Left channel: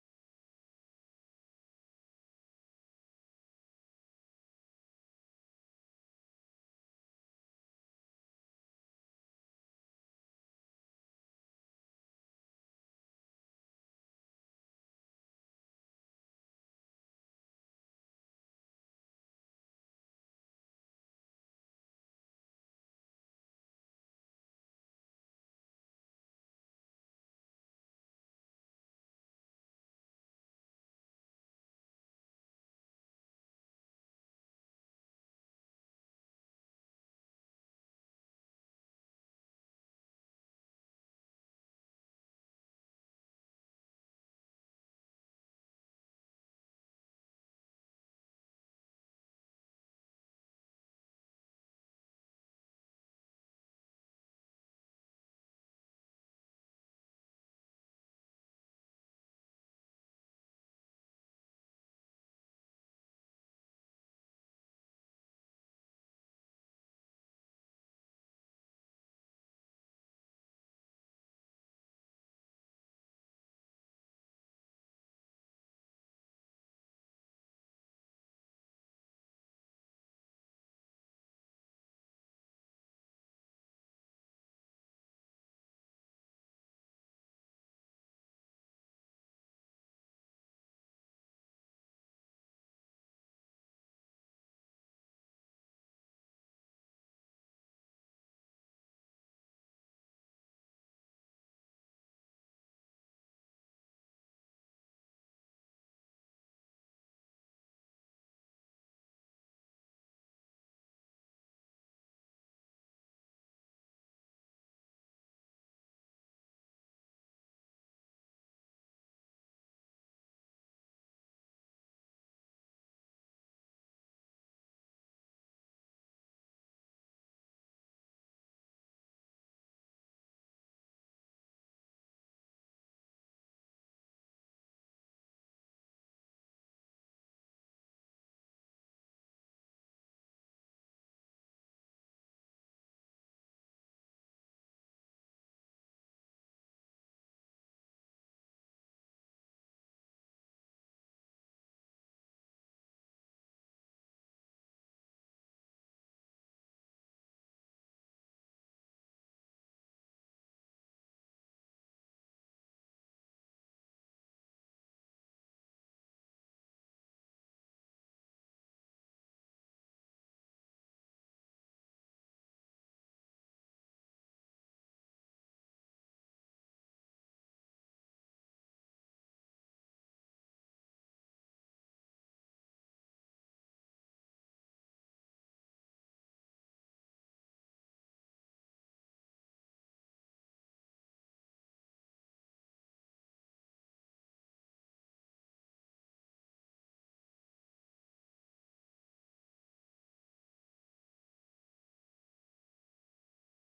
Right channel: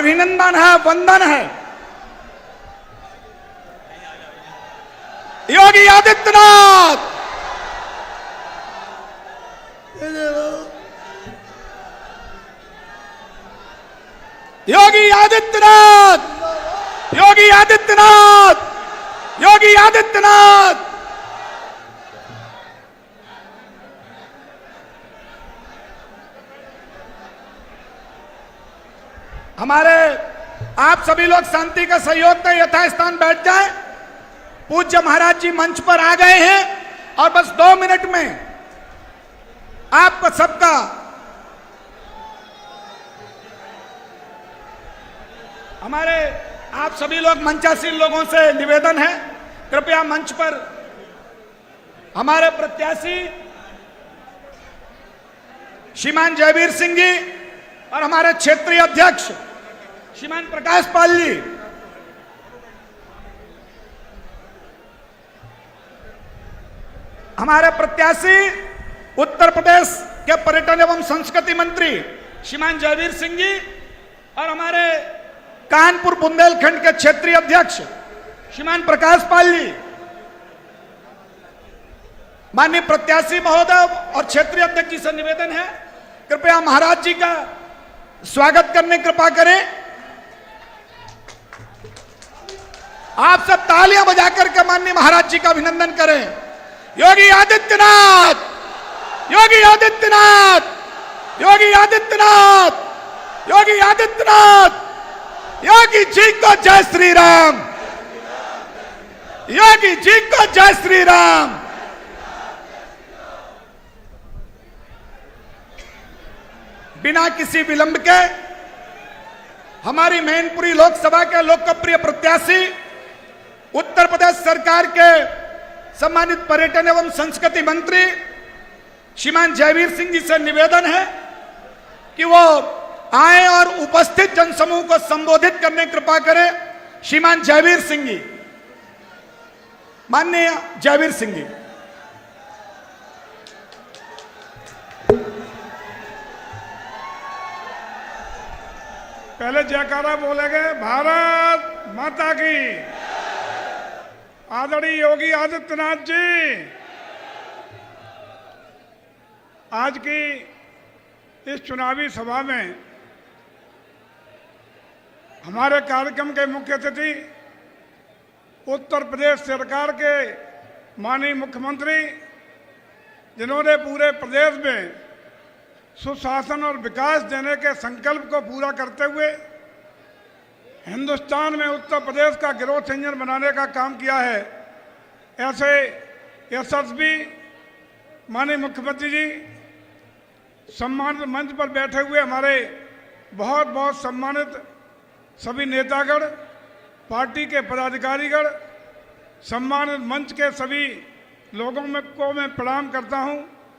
अभिनंदन है, वंदन है। योगी आदित्यनाथ, योगी आदित्यनाथ, योगी आदित्यनाथ, योगी आदित्यनाथ। हमारे आप सभी लोग शांति का सहयोग दें, यथास्थान बैठ जाएं। पूज्य महाराज जी मंच पर आ गए हैं और बस 2 मिनट में आपका सबका हमारे आप सभी लोग मंचासीन लोगों से निवेदन है, कृपया मंच पर हमारे प्रत्याशी श्रीमान जयवीर सिंह जी और हमारे क्षेत्रीय अध्यक्ष श्रीमान प्रकाश पाल जी, हमारे प्रत्याशी उत्तर प्रदेश के पर्यटन एवं संस्कृति मंत्री श्रीमान जयवीर सिंह जी और हमारे कानपुर बुंदेलखंड के क्षेत्रीय अध्यक्ष श्रीमान प्रकाश पाल जी। माननीय प्रत्याशी महोदय और क्षेत्रीय अध्यक्ष जी से निवेदन है, कृपया महाराज जी का स्वागत करने कृपा करें। आप सब तालियां बजाकर के माननीय महाराज जी का अभिनंदन करें। योगी आदित्यनाथ, योगी आदित्यनाथ, योगी आदित्यनाथ, योगी आदित्यनाथ, योगी जी को जय श्री राम, योगी जी को जय श्री राम। बिना किसी विलंब के हमारी मैनपुरी लोकसभा के लोकप्रिय प्रत्याशी उत्तर प्रदेश सरकार के सम्मानित पर्यटन एवं संस्कृति मंत्री श्रीमान जयवीर सिंह जी से निवेदन है कि वो आए और उपस्थित जनसमूह को संबोधित करने कृपा करें। श्रीमान जयवीर सिंह जी, माननीय जयवीर सिंह जी। पहले जयकारा बोलेंगे, भारत माता की। आदरणीय योगी आदित्यनाथ जी, आज की इस चुनावी सभा में हमारे कार्यक्रम के मुख्य अतिथि उत्तर प्रदेश सरकार के माननीय मुख्यमंत्री, जिन्होंने पूरे प्रदेश में सुशासन और विकास देने के संकल्प को पूरा करते हुए हिंदुस्तान में उत्तर प्रदेश का ग्रोथ इंजन बनाने का काम किया है, ऐसे यशस्वी माननीय मुख्यमंत्री जी, सम्मानित मंच पर बैठे हुए हमारे बहुत बहुत सम्मानित सभी नेतागण, पार्टी के पदाधिकारीगण, सम्मानित मंच के सभी लोगों को मैं प्रणाम करता हूं,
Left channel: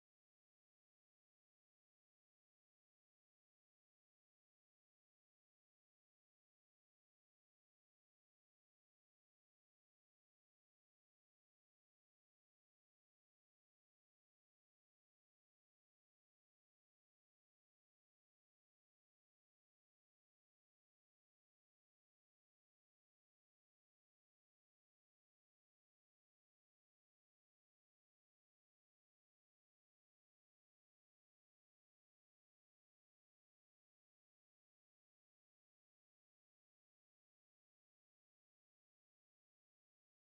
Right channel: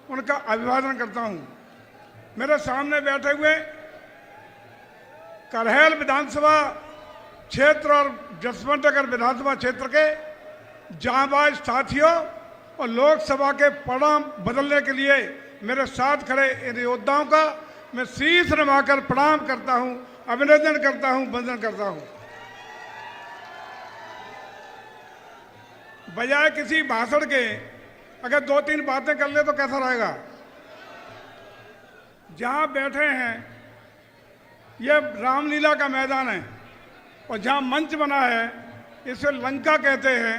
उनका अभिवादन करता हूं। मेरे सामने बैठे हुए करहल विधानसभा क्षेत्र और जसवंत नगर विधानसभा क्षेत्र के जांबाज साथियों और लोकसभा के परिणाम बदलने के लिए मेरे साथ खड़े इन योद्धाओं का मैं शीश नवाकर प्रणाम करता हूं, अभिनंदन करता हूं, वंदन करता हूं। बजाय किसी भाषण के अगर 2-3 बातें कर ले तो कैसा रहेगा। जहां बैठे हैं यह रामलीला का मैदान है और जहां मंच बना है इसे लंका कहते हैं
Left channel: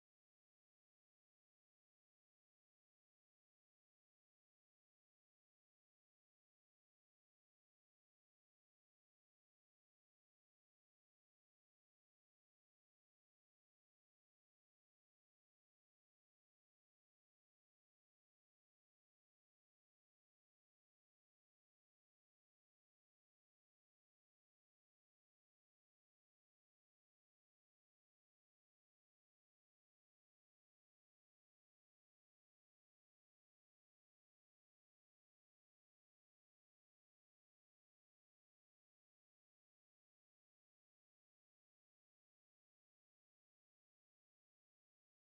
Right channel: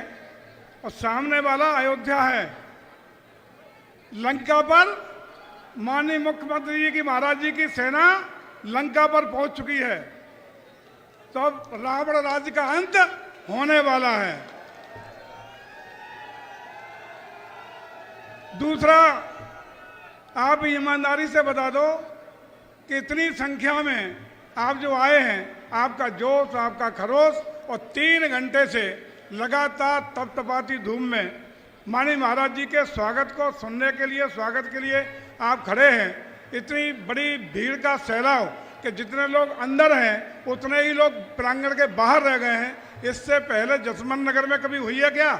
और सामने वाला अयोध्या है। लंका पर माननीय मुख्यमंत्री जी की, महाराज जी की सेना लंका पर पहुंच चुकी है, तो अब रावण राज्य का अंत होने वाला है। दूसरा, आप ईमानदारी से बता दो कि इतनी संख्या में आप जो आए हैं, आपका जोश, आपका खरोश और 3 घंटे से लगातार तपतपाती धूप में माननीय महाराज जी के स्वागत को सुनने के लिए, स्वागत के लिए आप खड़े हैं। इतनी बड़ी भीड़ का सैलाव कि जितने लोग अंदर हैं उतने ही लोग प्रांगण के बाहर रह गए हैं। इससे पहले जसवंत नगर में कभी हुई है क्या?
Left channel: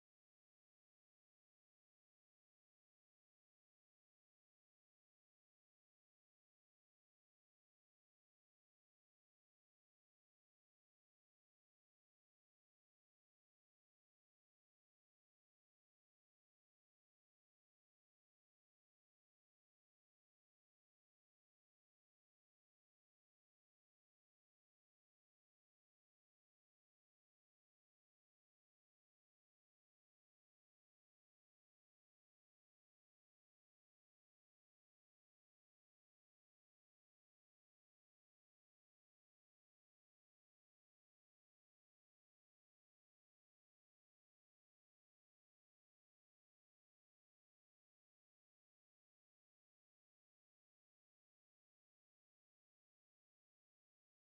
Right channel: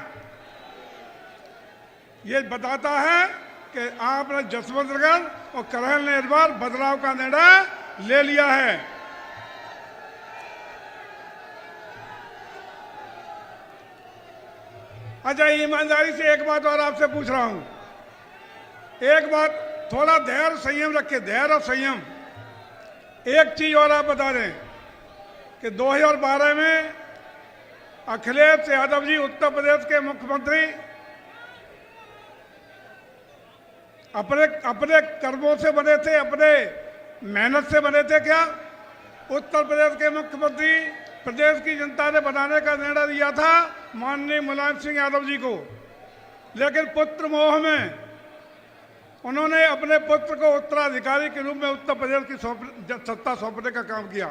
ये बताता है कि आपने जसवंत नगर और करहल ने इस बार बदलाव का निर्णय ले लिया है। अच्छा, ईमानदारी से एक बात और आपसे पूछ रहा हूं, एक बात, थोड़ा धैर्य संयम रखे, धैर्य और संयम। एक चीज और आप बता दें कि 2012 में अखिलेश यादव जी उत्तर प्रदेश के मुख्यमंत्री अपने कर्मों से बने थे, अपने मेहनत से बने थे क्या? उत्तर प्रदेश के मुख्यमंत्री प्रदेश की जनता ने बनाने का निर्णय दिया था माननीय मुलायम सिंह यादव जी को, लेकिन पुत्र मोह में उन्होंने अपने पुत्र को उत्तराधिकारी के रूप में उत्तर प्रदेश की सत्ता सौंपने का काम किया।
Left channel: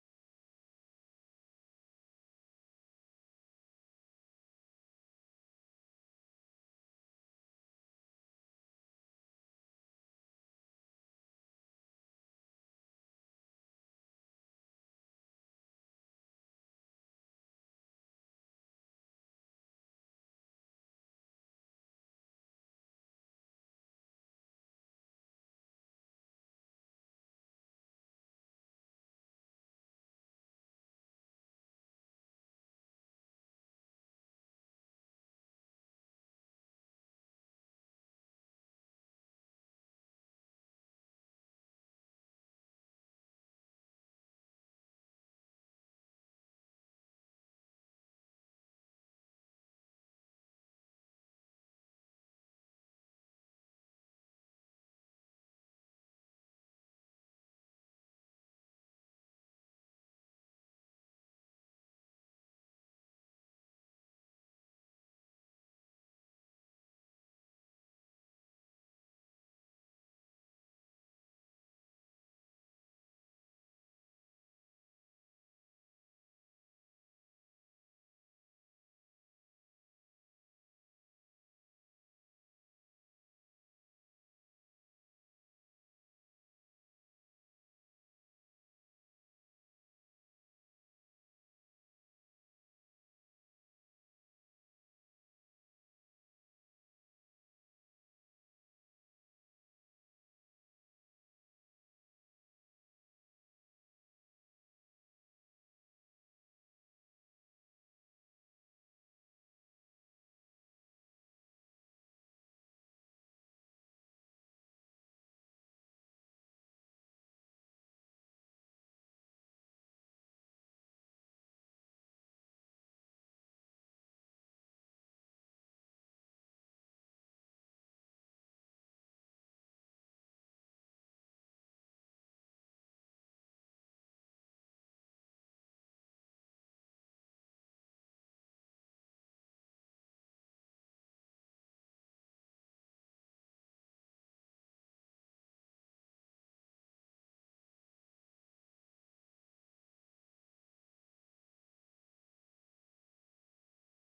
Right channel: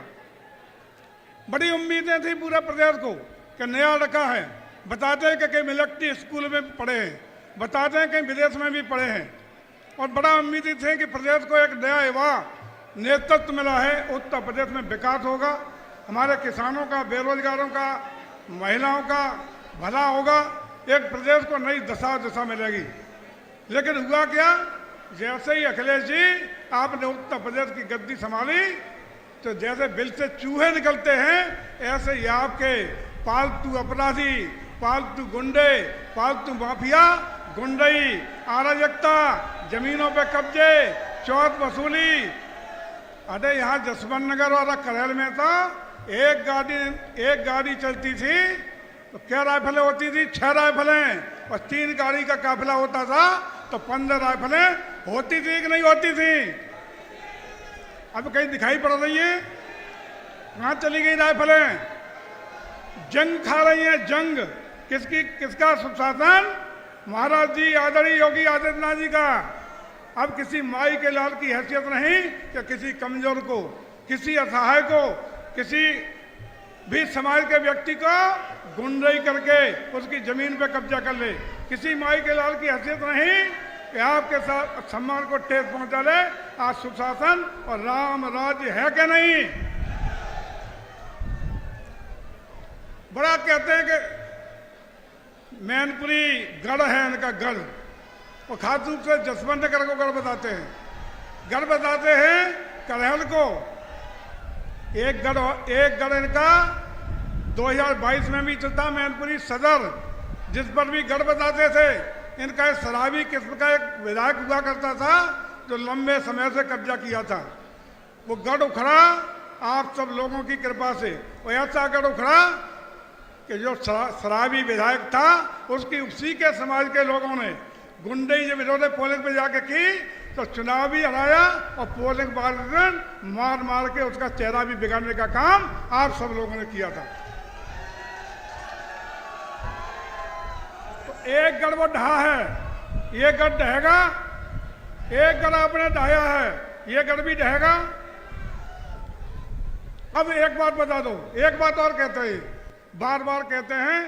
बड़ी उम्मीदें थी पूरे प्रदेश को कि नया रखा है, बताते हैं कि कई मिलिट्री स्कूल में पढ़े हैं, बताते हैं कहीं विदेश में भी पढ़े हैं, और बड़ा उम्मीदें थी कि प्रदेश को एक नया युवा नेतृत्व मिला है, उत्तर प्रदेश में विकास होगा, हमारे किसानों का, बेरोजगारों का, महिलाओं का भला होगा, एक प्रदेश को नई दिशा मिलेगी। लेकिन हुआ क्या? जैसे ही अखिलेश जी आपने उत्तर प्रदेश की गद्दी संभाली तो जैसे बिल से चूहे निकलते हैं ऐसे ही आपके पालतू अपराधी, पालतू गुंडे, पालतू माफिया, गुंडई, अराजकता, जमीनों पे कब्जे, चौथ वसूली। अरे यहाँ जसवंत नगर वाला करहल में था, एक गाड़ी चलती थी तो क्या राइफलें होती थी? 6 राइफलें, और 3 गाड़ी का काफिला होता था तो 15 राइफलें होती थी कि नहीं होती थी? अब कहीं दिखाई पड़ रही है? कहाँ चली गई राइफलें? जंग खा रही है, जंग। किसका सुशासन? महाराज जी, आदरणीय योगी आदित्यनाथ जी का। अब किसी माई के लाल की हैसियत नहीं कि किसी कमजोर को, किसी असहाय को, किसी भी समाज के व्यक्ति को गुंडई करके उसकी जमीन पे कब्जा कर ले। किसी माई के लाल की हैसियत नहीं कि आपके साथ सम्मान को ठेस पहुंचा ले। आज सुशासन और राम राज्य है कि नहीं? बड़ा कहते हैं कि मैनपुरी गढ़ है इनका, गढ़, और खास रूप से जसवंत नगर को गढ़ बताते हैं, गढ़ बताते हैं करहल को। एक गढ़ इनका 2022 में भी चलता, मैनपुरी सदर, जिस पर भी गढ़ बताते थे। इनका एक शराबी किस्म का एक विधायक हुआ करता था जो लंबे समय से कब्जा किया था। वो गढ़ उखड़ा आप सब लोगों की कृपा से, वो ऐसा गढ़ उखड़ा कि जो शराबी विधायक था उसकी उसी के समाज के लोगों ने गुंडई जब इन्होंने पोलिंग पे जाके की तो चुनाव भी हराया और पोलिंग मार के उसका चेहरा भी बिगाड़ने का काम आप सब लोगों ने किया था। तो एक गढ़ वो ढहा है, ये गढ़ ढहेगा। एक गढ़ आपने ढाया है, ये गढ़ भी ढहेगा। अब एक बात बता दो, एक बात और कहते हैं, बार बार कहते हैं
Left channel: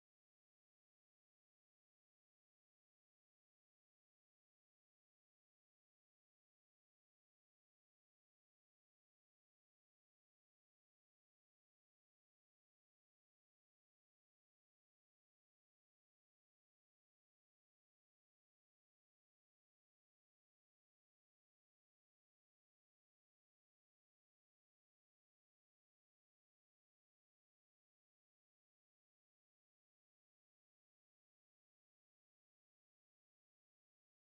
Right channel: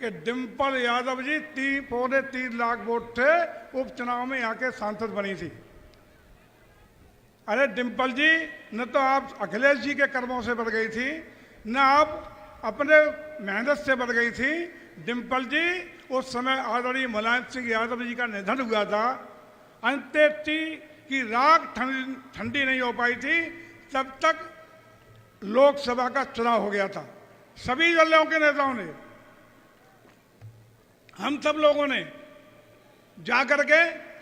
कि डिम्पल यादव जी 3.25 लाख वोट थे उपचुनाव में यहाँ के सांसद बनी थी। अरे डिम्पल जी, न तो आप अखिलेश जी के कर्मों से बढ़ गई थी, न आप अपने मेहनत से बढ़ गई थी। डिम्पल जी उस समय आदरणीय मुलायम सिंह यादव जी का निधन हुआ था, अंत्येष्टि की राख ठंडी नहीं हो पाई थी, तब तक लोकसभा का चुनाव हो गया था। सभी दलों के नेताओं ने, हम सब लोगों ने जाकर के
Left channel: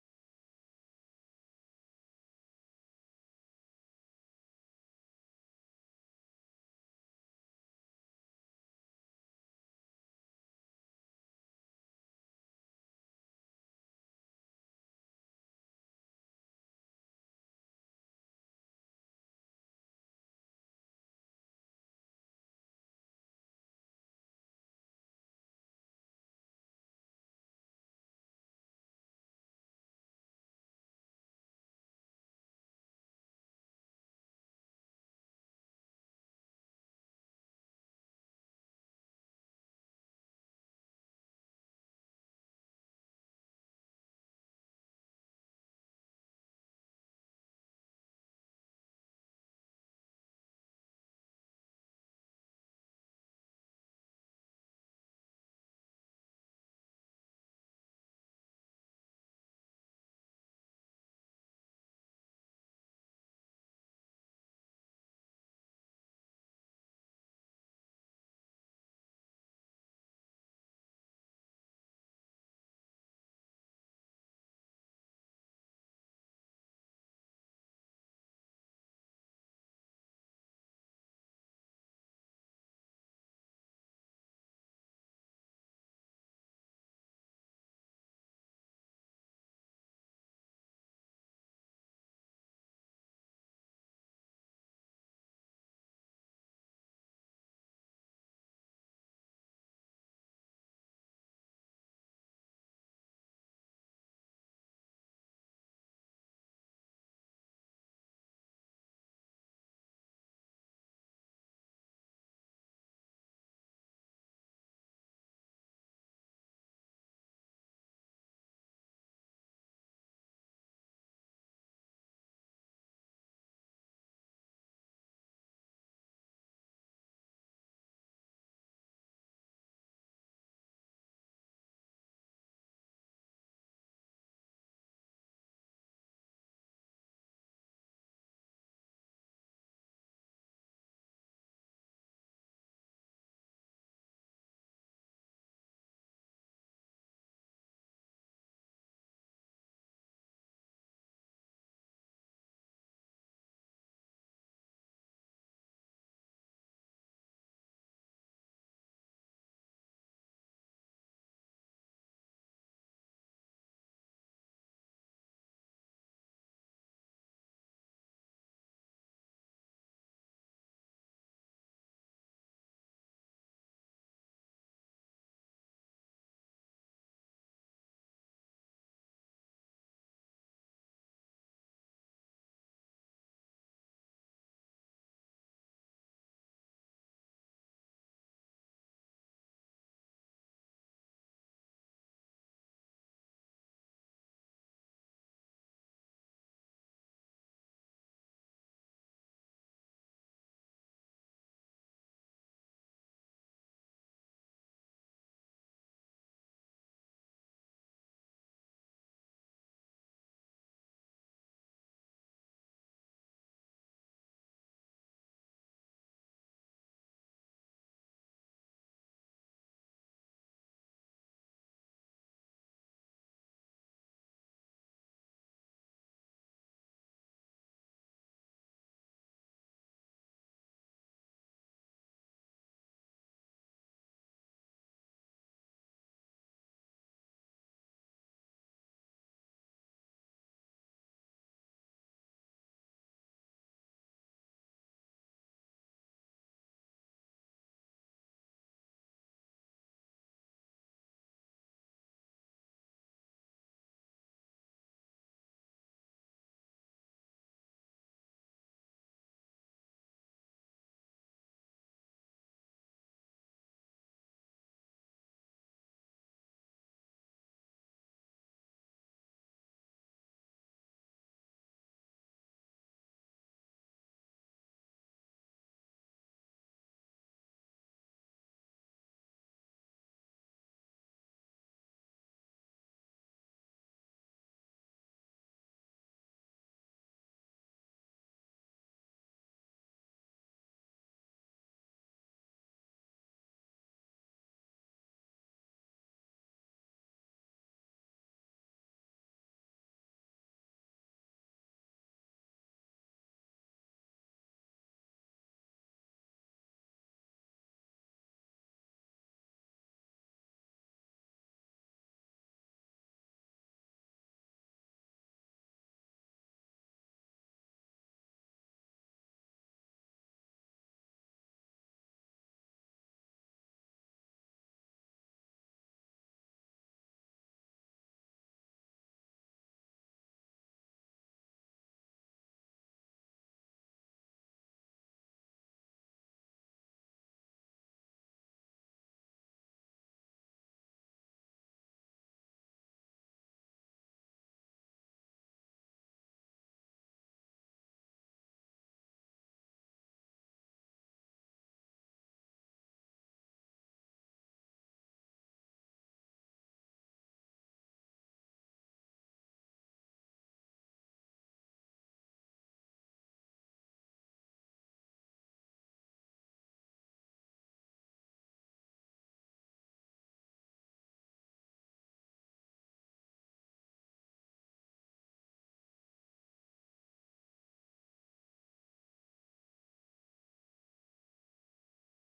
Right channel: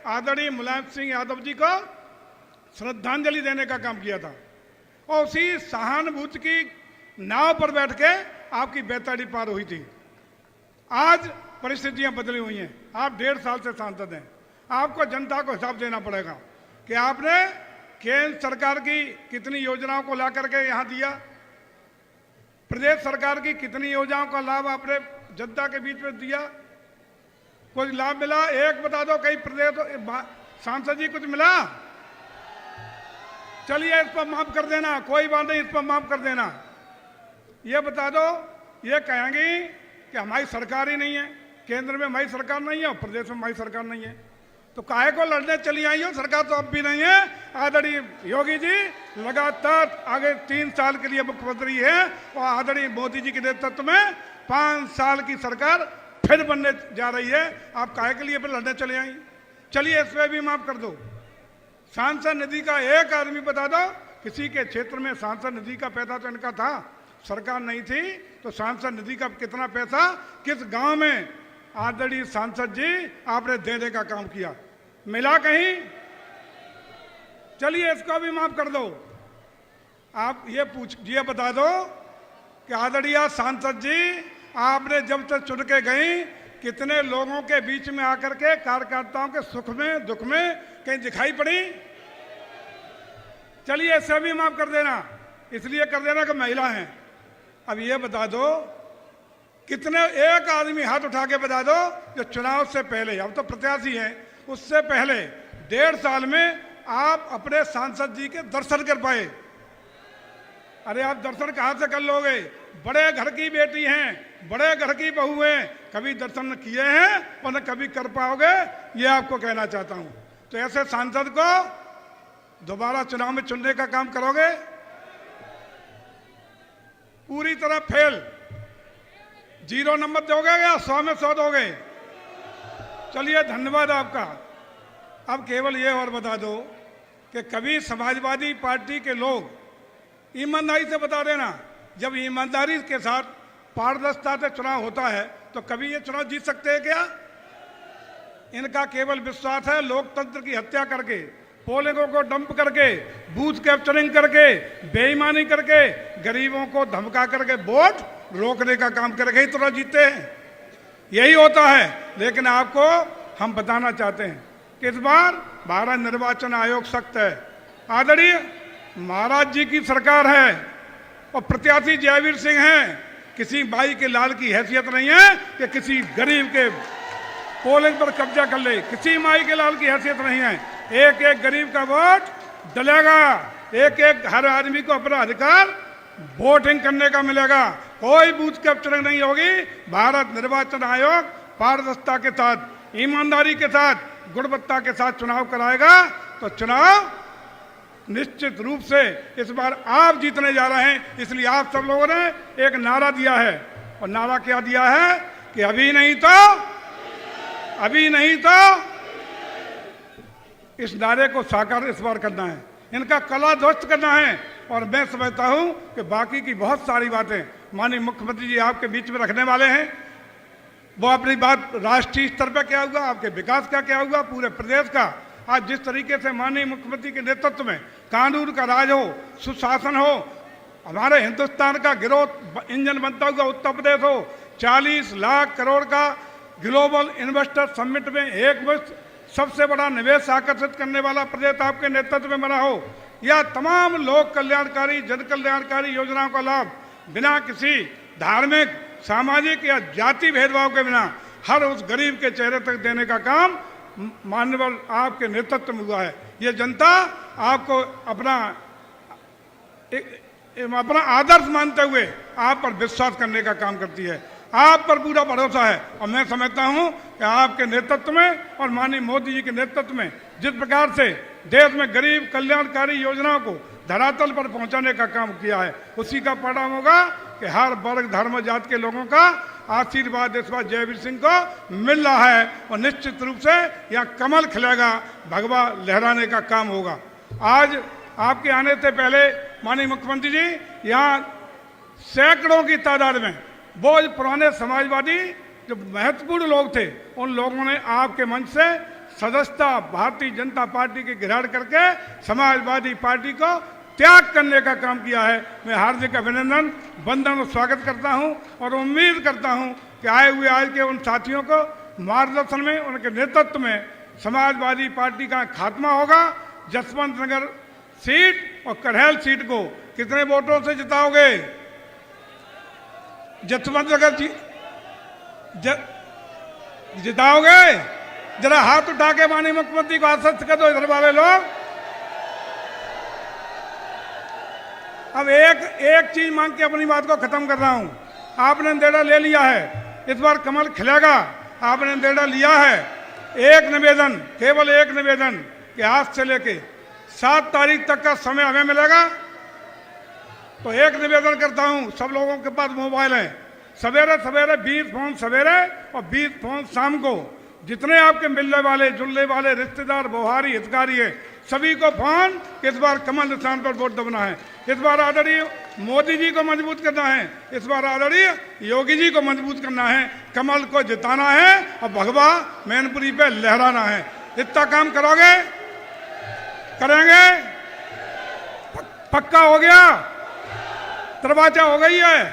आदरणीय मुलायम सिंह यादव जी को श्रद्धांजलि देने का काम किया था, और उसी सहानुभूति की नाव पर बैठ के आपकी बेताड़ी पार हुई थी। आज परिस्थितियां बदली हुई हैं, आप 1.5 साल से सांसद हैं, आपको जनता को हिसाब देना पड़ेगा कि आपने केंद्र सरकार की कितनी योजनाओं को ला करके यहाँ दिया, प्रदेश सरकार की कितनी योजनाओं का लाभ आपने जनता के बीच में दिया, कुछ लाभ मिला? एक बता दो, कई प्रदेश सांसद जी कुछ मिला? चलिए इस पर माफ कर देना, कोई बात नहीं, इस पर माफ कर देना। ये बता दो, ये कहेंगी कि हमारी सरकार ही नहीं है, केंद्र में हमारी सरकार नहीं है और प्रदेश में हमारी सरकार नहीं है, तो काहे को लड़ने चली आई हो? सरकार तो अब भी नहीं है। आदरणीय योगी जी लगातार आगे 3 साल के लिए मुख्यमंत्री है और आदरणीय मोदी जी के नेतृत्व में 5 साल की सरकार फिर बनने जा रही है। आप काहे के लिए फिर लड़ने चले आई? चलिए इस पर भी माफ कर दो। सांसद निधि का एक आदमी बता दो, किसी के क्षेत्र में सांसद निधि का पैसा तो इनका था, सरकार नहीं थी, तो सांसद निधि का कितना पैसा किस गांव में आदरणीय सांसद जी आपने देने का काम किया। मिला कहीं? चलिए इसको भी माफ कर दो। आप ये बता दो कि आदरणीय सांसद जी आपने जब से चुन के गई कितने लोगों के बीच में आकर के कार्यकर्ताओं के सुख में दुख में कहीं दिखाई पड़ी? चलिए इसे भी माफ कर देना, इसलिए कर देना कि महिला हैं। अब ये बता दो कितने, एक आदमी हाथ उठा के बता दो जो चुनाव से पहले, अब तो प्रत्याशी हैं, उससे पहले 1.5 साल में आप अपने सांसद जी के दर्शन कर पाए? अरे आप दर्शन कहां से कर लोगे? बड़े घर की बेटी हैं, बड़े घर की बहू हैं, कभी दर्शन न किए हैं और न कभी कर पाओगे, ये आपको कहना चाहता हूं। तो ऐसे सांसद को दोबारा चुनाव में चुनने का काम करोगे? पूरी तरह फेल, 0 नंबर दोगे या 100 में 100 दोगे? चलिए धन्यवाद आपका। अब केवल ये और बता दो कि कभी समाजवादी पार्टी के लोग, ईमानदारी से बता देना, जब ईमानदारी के साथ पारदर्शिता से चुनाव होता है तो कभी ये चुनाव जीत सकते हैं क्या? इनका केवल विश्वास है लोकतंत्र की हत्या करके, पोलिंगों को डंप करके, बूथ कैप्चरिंग करके, बेईमानी करके, गरीबों को धमका करके वोट रोकने का काम करके ही चुनाव जीतते हैं। यही होता है। लेकिन आपको हम बताना चाहते हैं कि इस बार भारत निर्वाचन आयोग सख्त है। आदरणीय महाराज जी की सरकार है और प्रत्याशी जयवीर सिंह हैं। किसी भाई के लाल की हैसियत नहीं है कि किसी गरीब के पोलिंग पर कब्जा कर ले, किसी माई के लाल की हैसियत नहीं है। एक एक गरीब का वोट डलेगा, एक एक हर आदमी को अपना अधिकार वोटिंग करने का मिलेगा। कोई बूथ कैप्चरिंग नहीं होगी। भारत निर्वाचन आयोग पारदर्शिता के साथ, ईमानदारी के साथ, गुणवत्ता के साथ चुनाव कराएगा। तो चुनाव निश्चित रूप से इस बार आप जीतने जा रहे हैं। इसलिए आप सब लोगों ने एक नारा दिया है, और नारा क्या दिया है कि अभी नहीं तो इस नारे को साकार इस बार करना है, इनका कला ध्वस्त करना है। और मैं समझता हूं कि बाकी की बहुत सारी बातें माननीय मुख्यमंत्री जी आपके बीच में रखने वाले हैं। वो अपनी बात राष्ट्रीय स्तर पर क्या हुआ, आपके विकास का क्या हुआ, पूरे प्रदेश का। आज जिस तरीके से माननीय मुख्यमंत्री के नेतृत्व में कानून का राज हो, सुशासन हो, हमारे हिंदुस्तान का ग्रोथ इंजन बनता हुआ उत्तर प्रदेश हो, 40 लाख करोड़ का ग्लोबल इन्वेस्टर समिट में एक वर्ष सबसे बड़ा निवेश आकर्षित करने वाला प्रदेश आपके नेतृत्व में बना हो, या तमाम लोक कल्याणकारी जन कल्याणकारी योजनाओं का लाभ बिना किसी धार्मिक, सामाजिक या जाति भेदभाव के बिना हर उस गरीब के चेहरे तक देने का काम माननीय आपके नेतृत्व में हुआ है। ये जनता आपको अपना आदर्श मानते हुए आप पर विश्वास करने का काम करती है। आप पर पूरा भरोसा है। और मैं समझता हूं कि आपके नेतृत्व में और माननीय मोदी जी के नेतृत्व में जिस प्रकार से देश में गरीब कल्याणकारी योजनाओं को धरातल पर पहुंचाने का काम किया है, उसी का परिणाम होगा कि हर वर्ग धर्म जाति के लोगों का आशीर्वाद इस बार जयवीर सिंह को मिल रहा है। और निश्चित रूप से यहाँ कमल खिलेगा, भगवा लहराने का काम होगा। आज आपके आने से पहले माननीय मुख्यमंत्री जी यहाँ सैकड़ों की तादाद में वो पुराने समाजवादी जो महत्वपूर्ण लोग थे, उन लोगों ने आपके मंच से सदस्यता भारतीय जनता पार्टी की ग्रहण करके समाजवादी पार्टी को त्याग करने का काम किया है। मैं हार्दिक अभिनंदन, वंदन और स्वागत करता हूं और उम्मीद करता हूं कि आए हुए आज के उन साथियों को मार्गदर्शन में, उनके नेतृत्व में समाजवादी पार्टी का खात्मा होगा। जसवंत नगर सीट और करहल सीट को कितने वोटों से जिताओगे? जसवंत नगर जिताओगे? जरा हाथ उठा के माननीय मुख्यमंत्री को आश्वस्त कर दो इधर वाले लोग। अब एक चीज मांग के अपनी बात को खत्म कर रहा हूं। आपने निर्णय ले लिया है, इस बार कमल खिलेगा, आपने निर्णय लिया है। एक निवेदन, केवल एक निवेदन कि आज से लेके 7 तारीख तक का समय हमें मिलेगा। तो एक निवेदन करता हूं, सब लोगों के पास मोबाइल है, सवेरे सवेरे 20 फोन सवेरे और 20 फोन शाम को, जितने आपके मिलने वाले जुलने वाले रिश्तेदार व्यवहारी हितकारी है, सभी को फोन इस बार कमल निशान पर वोट दबना है। इस बार आदरणीय मोदी जी को मजबूत करना है, इस बार आदरणीय योगी जी को मजबूत करना है, कमल को जिताना है और भगवा मैनपुरी पे लहराना है। इतना काम करोगे? करेंगे? पक्का हो गया? दरवाजा हो गई है?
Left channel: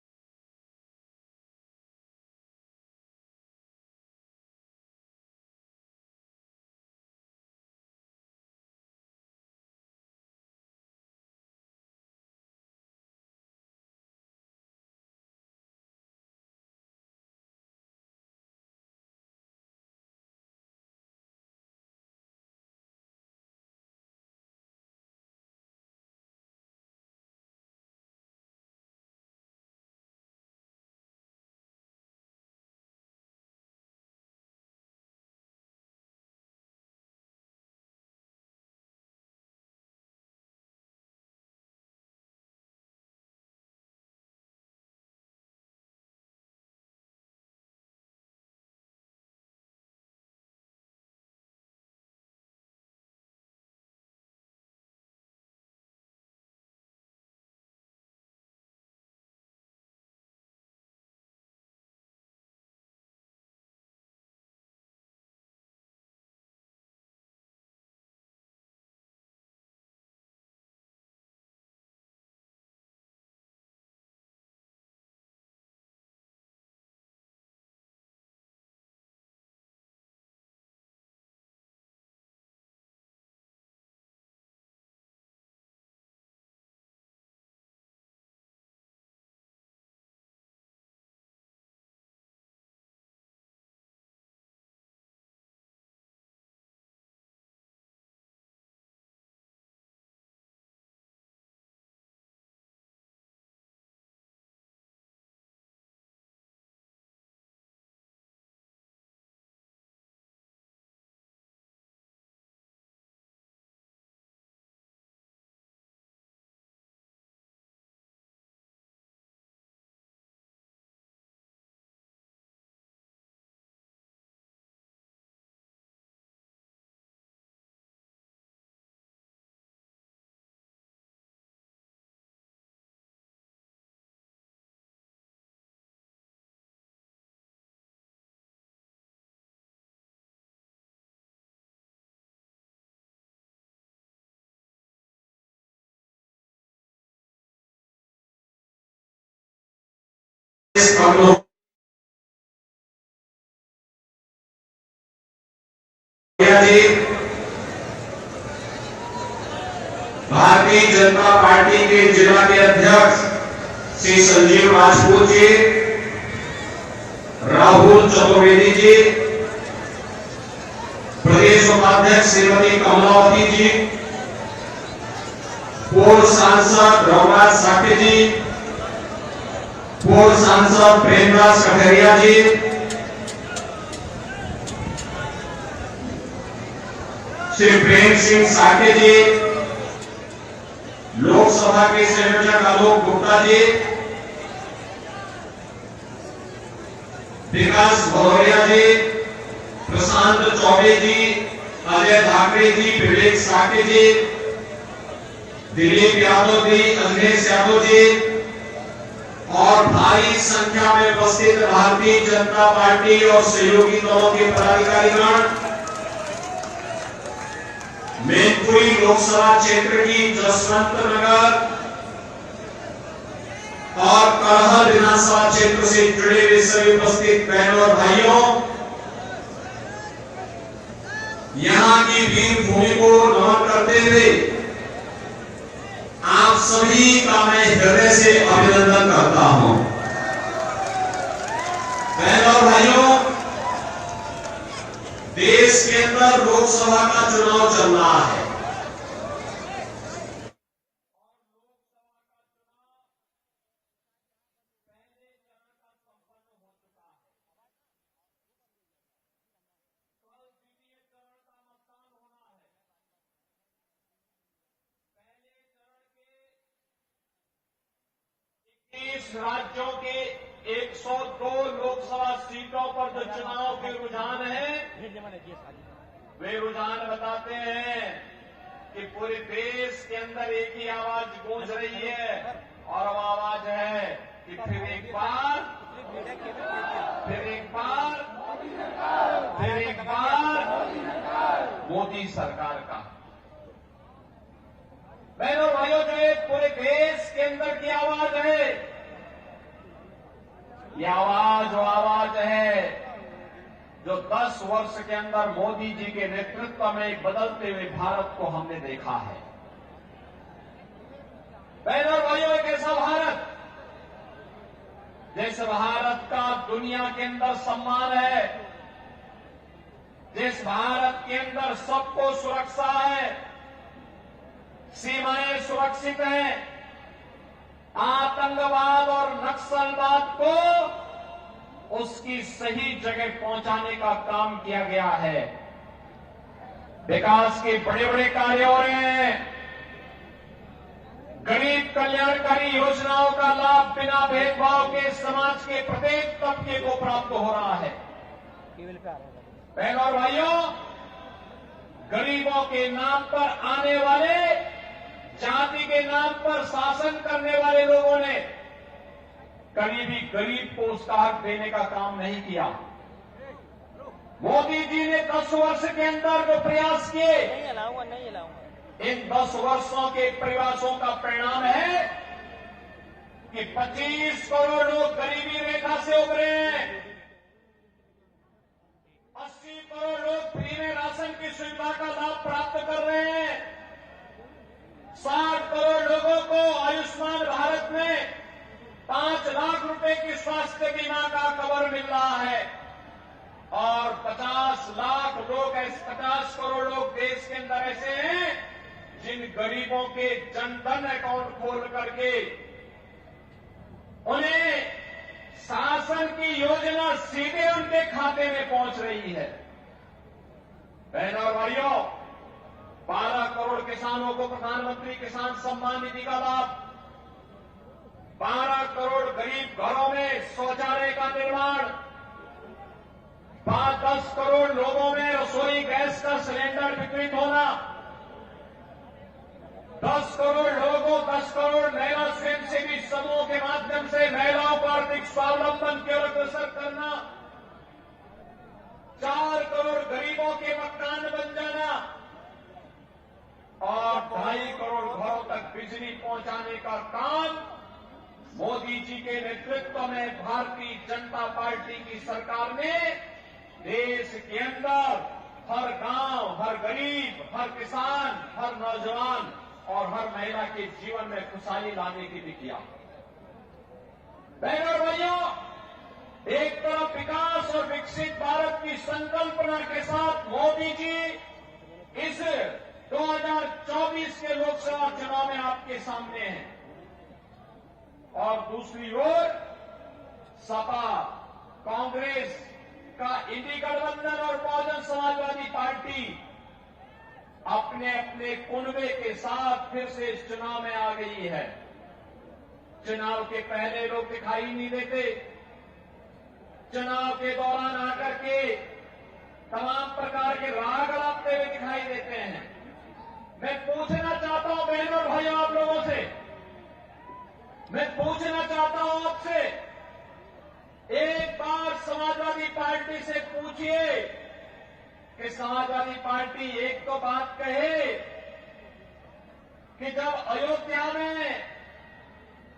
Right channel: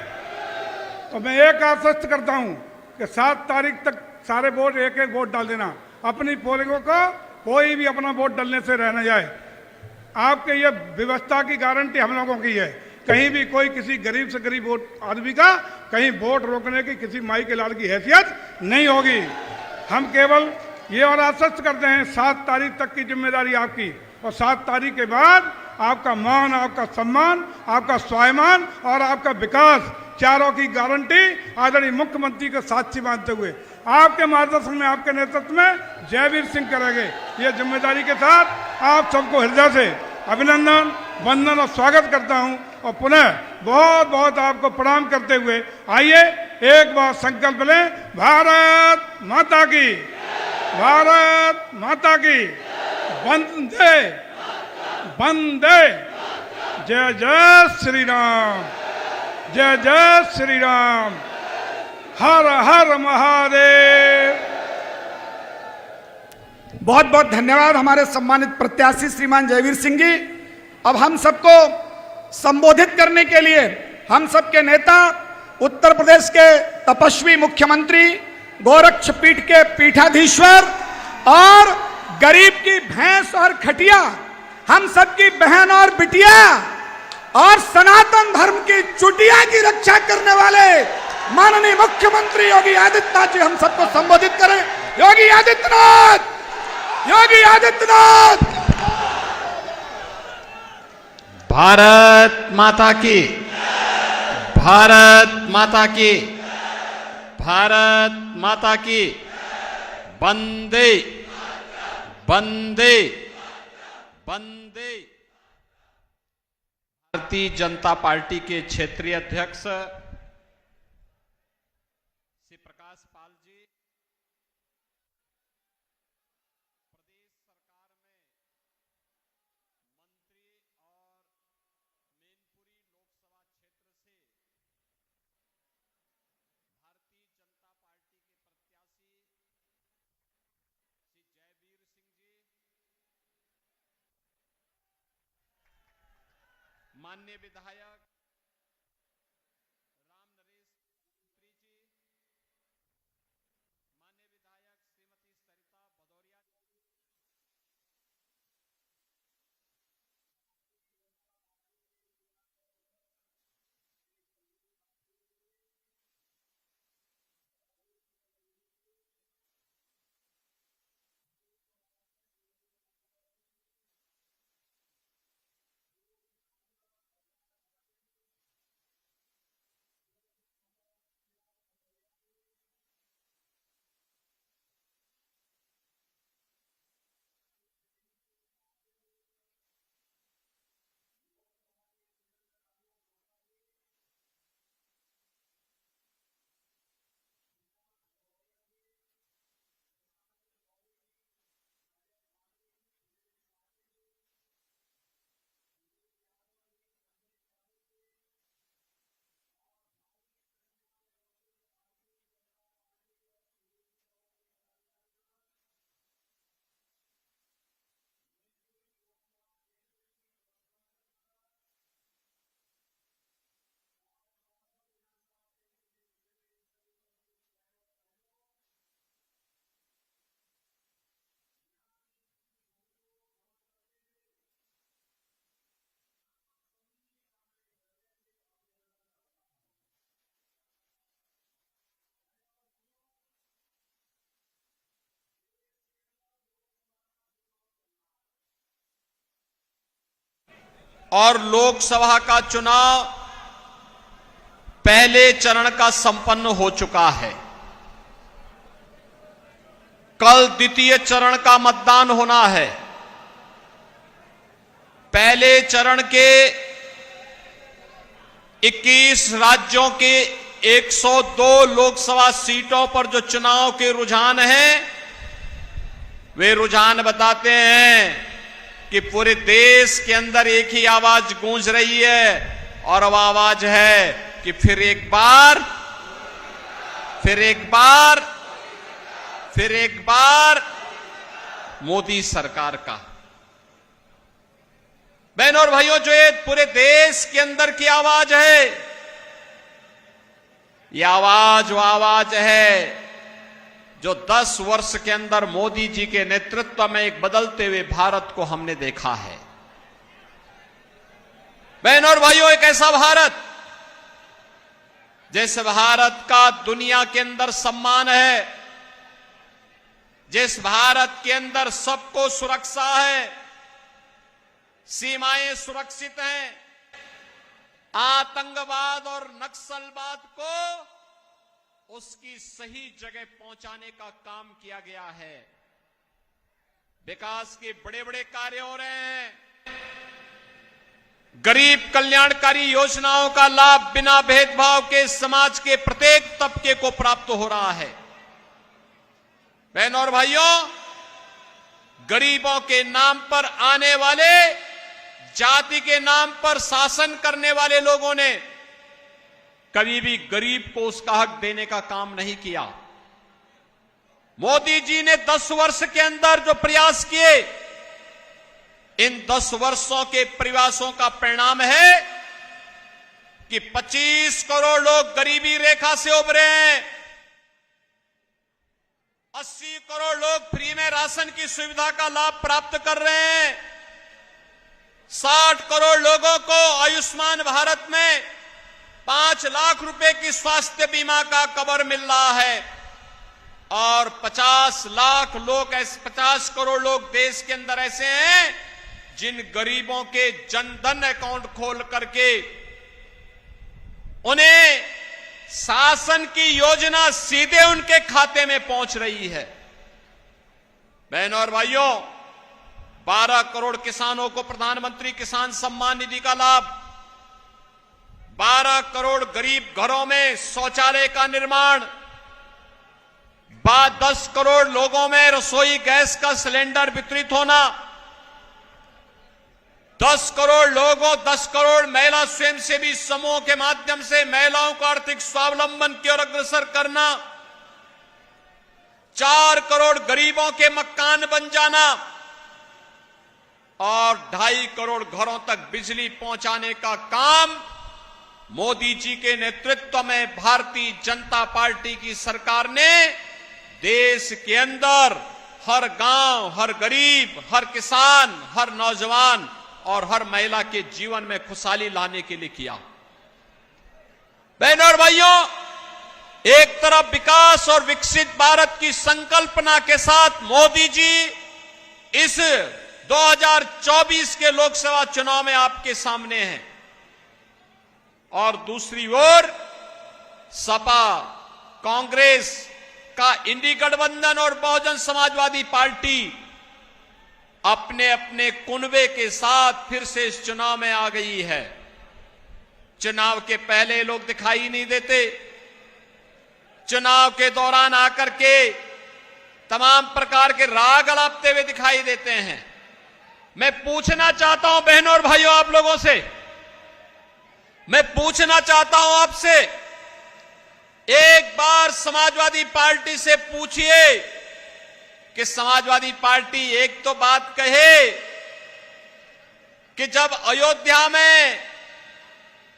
तो मैं एक आश्वस्त करता हूं कि 7 तारीख तक सारे वोट एक एक वोट डाल देना। अपनी पोलिंगों को कोई भी अपना वोट डालने से रह न जाए। आपके ये व्यवस्था की गारंटी हम लोगों की है। कहीं भी कोई किसी गरीब से गरीब वोट आदमी का कहीं वोट रोकने की किसी माई के लाल की हैसियत नहीं होगी। हम केवल ये और आश्वस्त करते हैं 7 तारीख तक की जिम्मेदारी आपकी, और 7 तारीख के बाद आपका मान, आपका सम्मान, आपका स्वाभिमान और आपका विकास, चारों की गारंटी आदरणीय मुख्यमंत्री को साक्षी मानते हुए आपके मार्गदर्शन में, आपके नेतृत्व में जयवीर सिंह करेंगे। ये जिम्मेदारी के साथ आप सबको हृदय से अभिनंदन, वंदन और स्वागत करता हूं, और पुनः बहुत बहुत आपको प्रणाम करते हुए आइए एक बार संकल्प लें। भारत माता की, भारत माता की, वंदे वंदे, जय जय श्री राम, जय जय श्री राम, हर हर महादेव। बहुत बहुत धन्यवाद हमारे सम्मानित प्रत्याशी श्रीमान जयवीर सिंह जी। अब हम सबको संबोधित करने के लिए हम सबके नेता, उत्तर प्रदेश के तपस्वी मुख्यमंत्री, गोरक्षपीठ के पीठाधीश्वर और गरीब की भैंस और खटिया, हम सबकी बहन और बिटिया और सनातन धर्म की चुटिया की रक्षा करने वाले माननीय मुख्यमंत्री योगी आदित्यनाथ जी हम सबको संबोधित करें। योगी आदित्यनाथ, योगी आदित्यनाथ। भारत माता की, भारत माता की, भारत माता की, वंदे वंदे वंदे। भारतीय जनता पार्टी के क्षेत्रीय अध्यक्ष श्री प्रकाश पाल जी, माननीय विधायक राम नरेश जी, भारतीय जनता पार्टी के जिला के अध्यक्ष श्री संजीव राजपूत जी, राहुल चतुर्वेदी जी, प्रदेश उपाध्यक्ष श्रीमती कमलावती जी, पूर्व सांसद रघुराज साठे जी, पूर्व सांसद प्रेमदास कठरिया जी, श्री प्रेम सिंह साठे जी, लोकसभा के संयोजक आलोक गुप्ता जी, विकास भदौरिया जी, प्रशांत चौबे जी, अजय ठाकरे जी, विवेक साठे जी, दिलीप यादव जी, अखिलेश यादव जी और भारी संख्या में उपस्थित भारतीय जनता पार्टी और सहयोगी दलों के पदाधिकारीगण, मैनपुरी लोकसभा क्षेत्र की जसवंत नगर और करहल विधानसभा क्षेत्र से जुड़े हुए सभी उपस्थित बहनों और भाइयों, यहां की वीर भूमि को नमन करते हुए आप सभी का मैं हृदय से अभिनंदन करता हूं। बहनों और भाइयों, देश के अंदर लोकसभा का चुनाव चल रहा है और लोकसभा का चुनाव पहले चरण का संपन्न हो चुका है। कल द्वितीय चरण का मतदान होना है। पहले चरण के 21 राज्यों के 102 लोकसभा सीटों पर जो चुनाव के रुझान हैं, वे रुझान बताते हैं कि पूरे देश के अंदर एक ही आवाज गूंज रही है, और अब आवाज है कि फिर एक बार, फिर एक बार, फिर एक बार मोदी सरकार का। बहनों और भाइयों, जो ये पूरे देश के अंदर की आवाज है, ये आवाज वो आवाज है जो 10 वर्ष के अंदर मोदी जी के नेतृत्व में एक बदलते हुए भारत को हमने देखा है। बहनों और भाइयों, एक ऐसा भारत जिस भारत का दुनिया के अंदर सम्मान है, जिस भारत के अंदर सबको सुरक्षा है, सीमाएं सुरक्षित हैं, आतंकवाद और नक्सलवाद को उसकी सही जगह पहुंचाने का काम किया गया है। विकास के बड़े बड़े कार्य हो रहे हैं। गरीब कल्याणकारी योजनाओं का लाभ बिना भेदभाव के समाज के प्रत्येक तबके को प्राप्त हो रहा है। बहनों और भाइयों, गरीबों के नाम पर आने वाले, जाति के नाम पर शासन करने वाले लोगों ने कभी भी गरीब को उसका हक देने का काम नहीं किया। मोदी जी ने 10 वर्ष के अंदर जो प्रयास किए, इन 10 वर्षों के प्रयासों का परिणाम है कि 25 करोड़ लोग गरीबी रेखा से उभरे हैं, 80 करोड़ लोग फ्री में राशन की सुविधा का लाभ प्राप्त कर रहे हैं, 60 करोड़ लोगों को आयुष्मान भारत में 5 लाख रुपए की स्वास्थ्य बीमा का कवर मिल रहा है और 50 लाख लोग, 50 करोड़ लोग देश के अंदर ऐसे हैं जिन गरीबों के जनधन अकाउंट खोल करके उन्हें शासन की योजना सीधे उनके खाते में पहुंच रही है। बहनों और भाइयों, 12 करोड़ किसानों को प्रधानमंत्री किसान सम्मान निधि का लाभ, 12 करोड़ गरीब घरों में शौचालय का निर्माण, 10 करोड़ लोगों में रसोई गैस का सिलेंडर वितरित होना, 10 करोड़ लोगों, 10 करोड़ महिला स्वयंसेवी समूह के माध्यम से महिलाओं को आर्थिक स्वावलंबन की ओर अग्रसर करना, 4 करोड़ गरीबों के मकान बन जाना और 2.5 करोड़ घरों तक बिजली पहुंचाने का काम मोदी जी के नेतृत्व में भारतीय जनता पार्टी की सरकार ने देश के अंदर हर गांव, हर गरीब, हर किसान, हर नौजवान और हर महिला के जीवन में खुशहाली लाने के लिए किया। बहनों और भाइयों, एक तरफ विकास और विकसित भारत की संकल्पना के साथ मोदी जी इस 2024 के लोकसभा चुनाव में आपके सामने हैं और दूसरी ओर सपा, कांग्रेस का इंडी गठबंधन और बहुजन समाजवादी पार्टी अपने अपने कुनबे के साथ फिर से इस चुनाव में आ गई है। चुनाव के पहले लोग दिखाई नहीं देते, चुनाव के दौरान आकर के तमाम प्रकार के राग अलापते हुए दिखाई देते हैं। मैं पूछना चाहता हूं बहनों और भाइयों, आप लोगों से मैं पूछना चाहता हूं आपसे, एक बार समाजवादी पार्टी से पूछिए कि समाजवादी पार्टी एक तो बात कहे कि जब अयोध्या में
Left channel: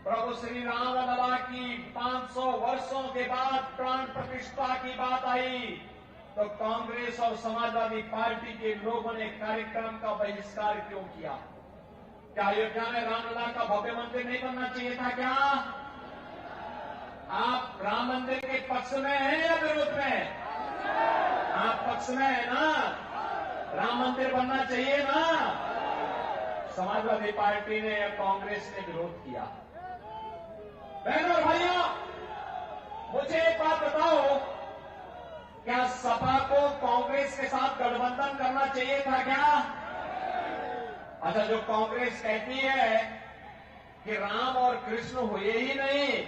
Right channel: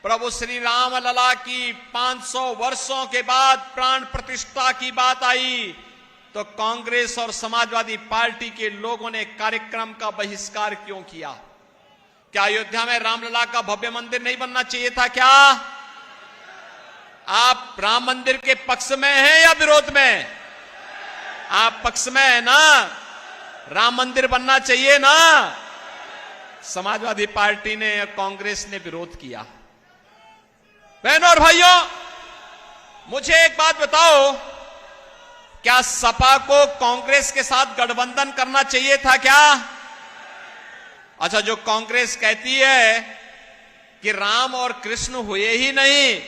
प्रभु श्री राम लला की 500 वर्षों के बाद प्राण प्रतिष्ठा की बात आई तो कांग्रेस और समाजवादी पार्टी के लोगों ने कार्यक्रम का बहिष्कार क्यों किया? क्या अयोध्या में रामलला का भव्य मंदिर नहीं बनना चाहिए था क्या? आप राम मंदिर के पक्ष में हैं या विरोध में? आप पक्ष में है ना? राम मंदिर बनना चाहिए ना? समाजवादी पार्टी ने या कांग्रेस ने विरोध किया। बहनों और भाइयों, मुझे एक बात बताओ, क्या सपा को कांग्रेस के साथ गठबंधन करना चाहिए था क्या? अच्छा, जो कांग्रेस कहती है कि राम और कृष्ण हुए ही नहीं,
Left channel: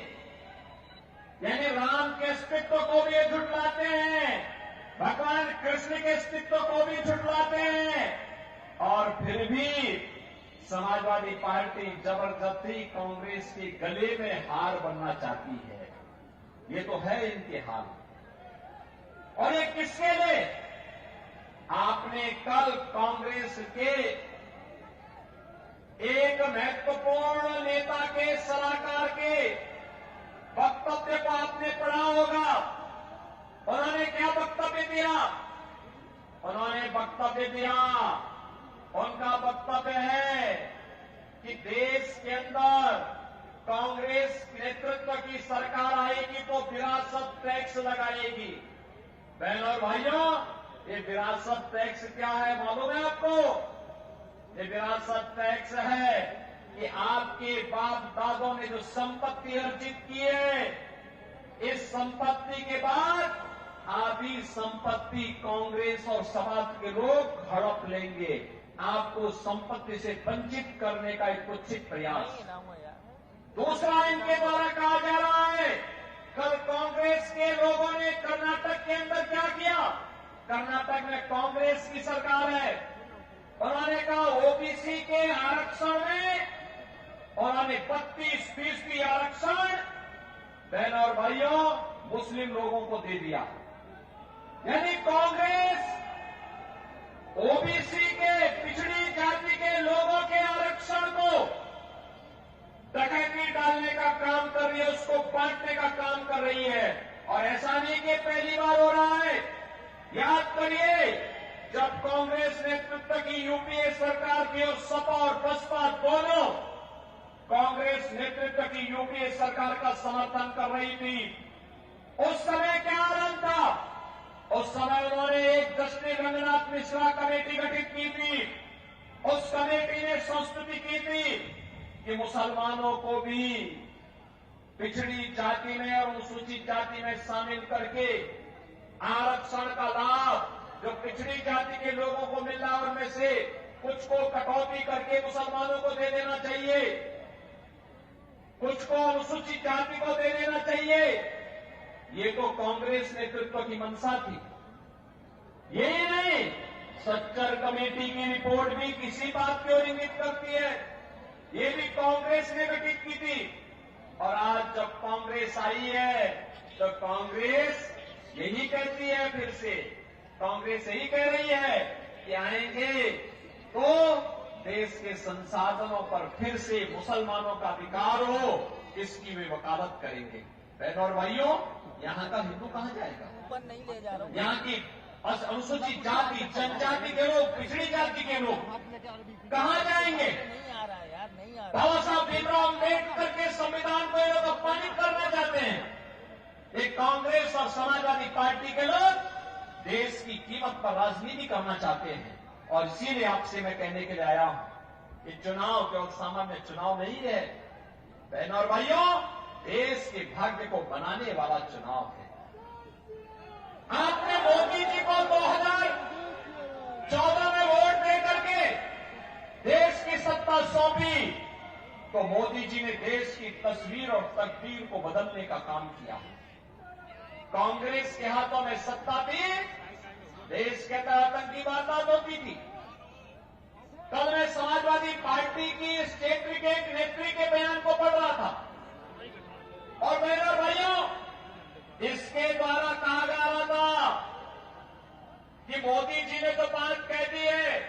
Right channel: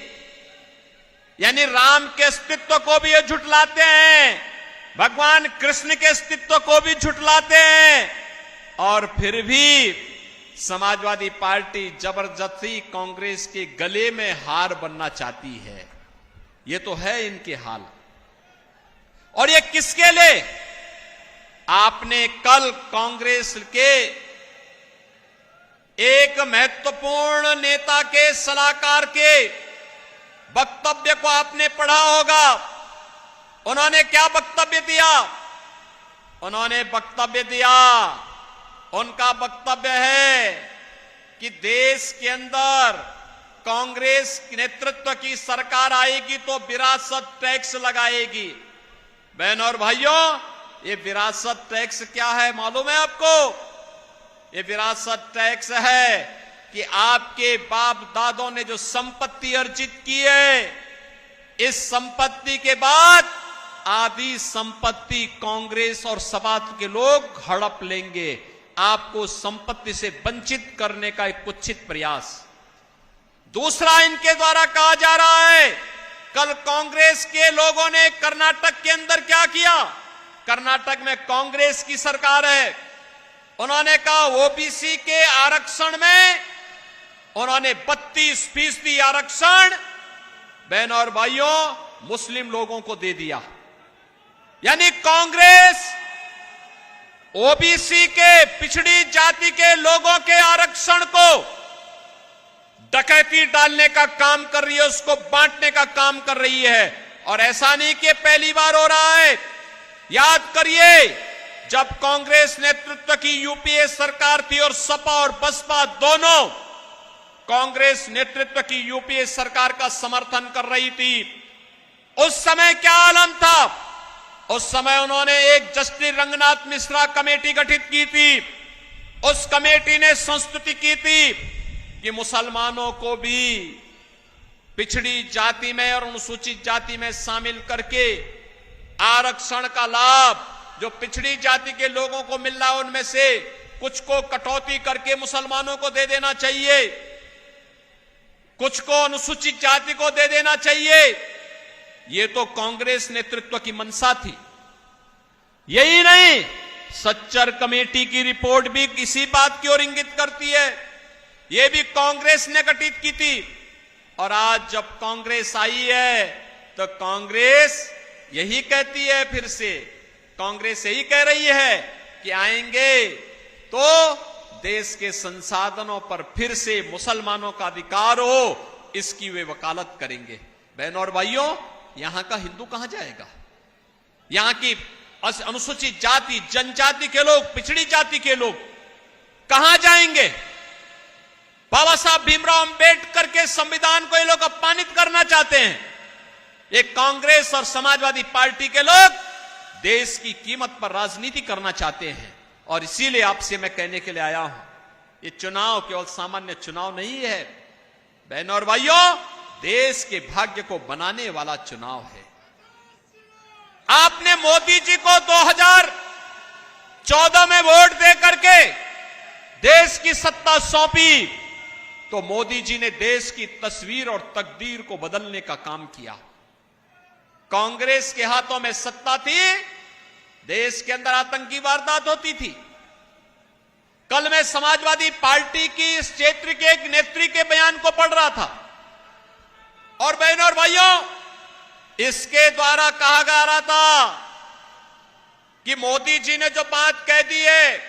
यानी राम के अस्तित्व को भी ये झुठलाते हैं, भगवान कृष्ण के अस्तित्व को भी झुठलाते हैं और फिर भी समाजवादी पार्टी जबरदस्ती कांग्रेस के गले में हार बनना चाहती है। ये तो है इनके हाल। और ये किसके लिए? आपने कल कांग्रेस के एक महत्वपूर्ण नेता के सलाहकार के वक्तव्य को आपने पढ़ा होगा। उन्होंने क्या वक्तव्य दिया? उन्होंने वक्तव्य दिया, उनका वक्तव्य है कि देश के अंदर कांग्रेस नेतृत्व की सरकार आएगी तो विरासत टैक्स लगाएगी। बहनों और भाइयों, ये विरासत टैक्स क्या है मालूम है आपको? ये विरासत टैक्स है कि आपके बाप दादों ने जो संपत्ति अर्जित की है, इस संपत्ति के बाद आधी संपत्ति कांग्रेस और समाज के लोग हड़प लेंगे। आपको संपत्ति से वंचित करने का एक कुत्सित प्रयास। दूसरा, इनके द्वारा कहा जा रहा है, कल कांग्रेस के लोगों ने कर्नाटक के अंदर क्या किया? कर्नाटक में कांग्रेस की सरकार है। उन्होंने कहा ओबीसी के आरक्षण में उन्होंने 32% आरक्षण बहनों और भाइयों मुस्लिम लोगों को दे दिया। यानी कांग्रेस ओबीसी के, पिछड़ी जाति के लोगों के आरक्षण को डकैती डालने का काम कर रही है, उसको बांटने का काम कर रही है। और ऐसा नहीं कि पहली बार हो रहा है। याद करिए, जब कांग्रेस नेतृत्व की यूपीए सरकार थी और सपा और बसपा दोनों कांग्रेस नेतृत्व की यूपीए सरकार का समर्थन कर रही थी, उस समय क्या आलम था? उस समय उन्होंने एक जस्टिस रंगनाथ मिश्रा कमेटी गठित की थी। उस कमेटी ने संस्तुति की थी कि मुसलमानों को भी पिछड़ी जाति में और अनुसूचित जाति में शामिल करके आरक्षण का लाभ जो पिछड़ी जाति के लोगों को मिल रहा है, उनमें से कुछ को कटौती करके मुसलमानों को दे देना चाहिए, कुछ को अनुसूचित जाति को दे देना चाहिए। ये तो कांग्रेस नेतृत्व की मंशा थी। यही नहीं, सच्चर कमेटी की रिपोर्ट भी किसी बात की ओर इंगित करती है। यह भी कांग्रेस ने गठित की थी। और आज जब कांग्रेस आई है तो कांग्रेस यही कहती है, फिर से कांग्रेस यही कह रही है कि आएंगे तो देश के संसाधनों पर फिर से मुसलमानों का अधिकार हो, इसकी वे वकालत करेंगे। बहनों और भाइयों, यहां का हिंदू कहां जाएगा? यहां की अनुसूचित जाति, जनजाति के लोग, पिछड़ी जाति के लोग कहां जाएंगे? बाबा साहब भीमराव अंबेडकर के संविधान को ये लोग अपमानित करना चाहते हैं। ये कांग्रेस और समाजवादी पार्टी के लोग देश की कीमत पर राजनीति करना चाहते हैं। और इसीलिए आपसे मैं कहने के लिए आया हूं, ये चुनाव केवल सामान्य चुनाव नहीं है बहनों और भाइयों, देश के भाग्य को बनाने वाला चुनाव है। आपने मोदी जी को 2014 में वोट दे करके देश की सत्ता सौंपी, तो मोदी जी ने देश की तस्वीर और तकदीर को बदलने का काम किया। कांग्रेस के हाथों में सत्ता थी, देश के अंदर आतंकी वारदात होती थी। कल मैं समाजवादी पार्टी की इस क्षेत्र के एक नेत्री के बयान को पढ़ रहा था, और बहनों और भाइयों, इसके द्वारा कहा जा रहा था कि मोदी जी ने जो बात कह दी है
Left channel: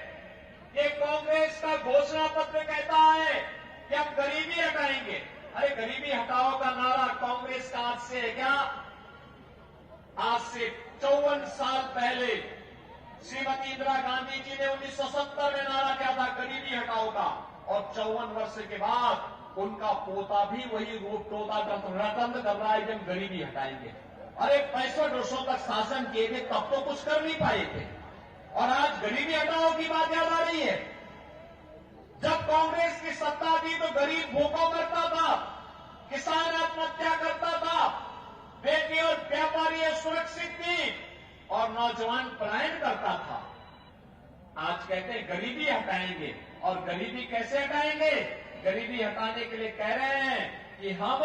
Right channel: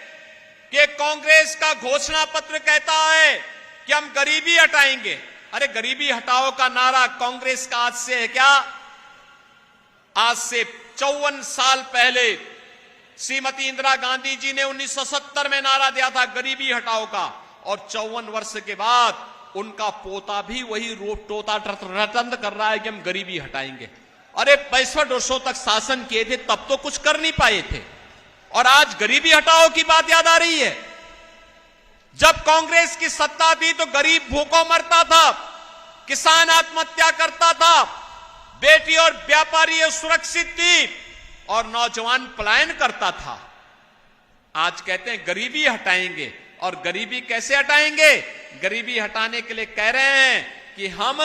कि कांग्रेस का घोषणा पत्र कहता है कि हम गरीबी हटाएंगे। अरे गरीबी हटाओ का नारा कांग्रेस का आज से है क्या? आज से 54 साल पहले श्रीमती इंदिरा गांधी जी ने 1970 में नारा दिया था गरीबी हटाओ का, और 54 वर्ष के बाद उनका पोता भी वही रूप टोता रटंत कर रहा है कि हम गरीबी हटाएंगे। अरे 65 वर्षों तक शासन किए थे, तब तो कुछ कर नहीं पाए थे, और आज गरीबी हटाओ की बात याद आ रही है। जब कांग्रेस की सत्ता थी तो गरीब भूखों मरता था, किसान आत्महत्या करता था, बेटी और व्यापारी सुरक्षित थी, और नौजवान पलायन करता था। आज कहते हैं गरीबी हटाएंगे, और गरीबी कैसे हटाएंगे? गरीबी हटाने के लिए कह रहे हैं कि हम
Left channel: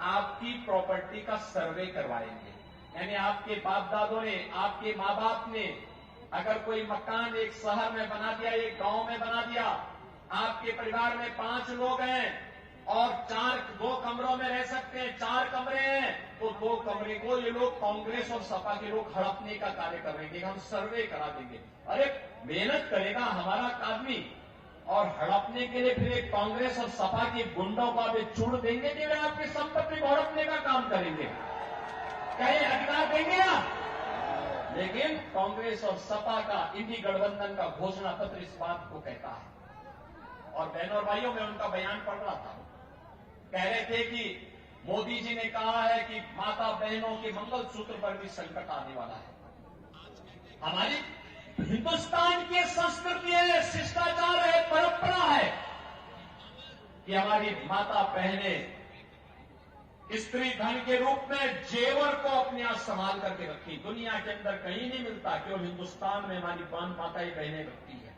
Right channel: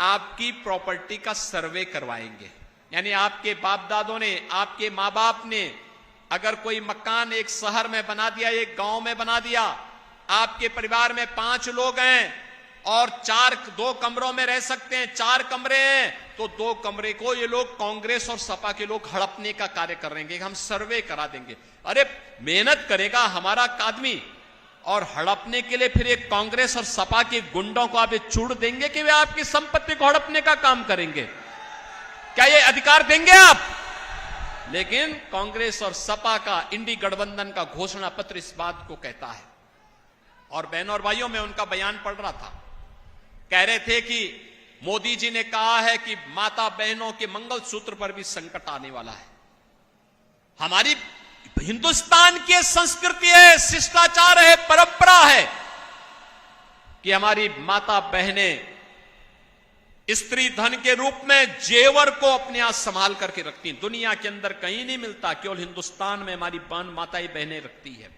आपकी प्रॉपर्टी का सर्वे करवाएंगे। यानी आपके बाप दादों ने, आपके माँ बाप ने अगर कोई मकान एक शहर में बना दिया, एक गांव में बना दिया, आपके परिवार में 5 लोग हैं और 2 कमरों में रह सकते हैं, 4 कमरे हैं, तो 2 कमरे को ये लोग कांग्रेस और सपा के लोग हड़पने का कार्य करेंगे, हम सर्वे करा देंगे। अरे मेहनत करेगा हमारा आदमी और हड़पने के लिए फिर एक कांग्रेस और सपा के गुंडों को आप छूट देंगे कि वे आपकी संपत्ति को हड़पने का काम करेंगे? क्या ये अधिकार देंगे आप? लेकिन कांग्रेस और सपा का इंडी गठबंधन का घोषणा पत्र इस बात को कहता है। और बहनों और भाइयों, मैं उनका बयान पढ़ रहा था, कह रहे थे कि मोदी जी ने कहा है कि माता बहनों के मंगलसूत्र पर भी संकट आने वाला है। हमारी हिंदुस्तान की संस्कृति है, शिष्टाचार है, परंपरा है कि हमारी माता बहनें स्त्री धन के रूप में जेवर को अपने यहां संभाल करके रखती हैं। दुनिया के अंदर कहीं नहीं मिलता, केवल हिंदुस्तान में हमारी माताएं बहनें रखती है।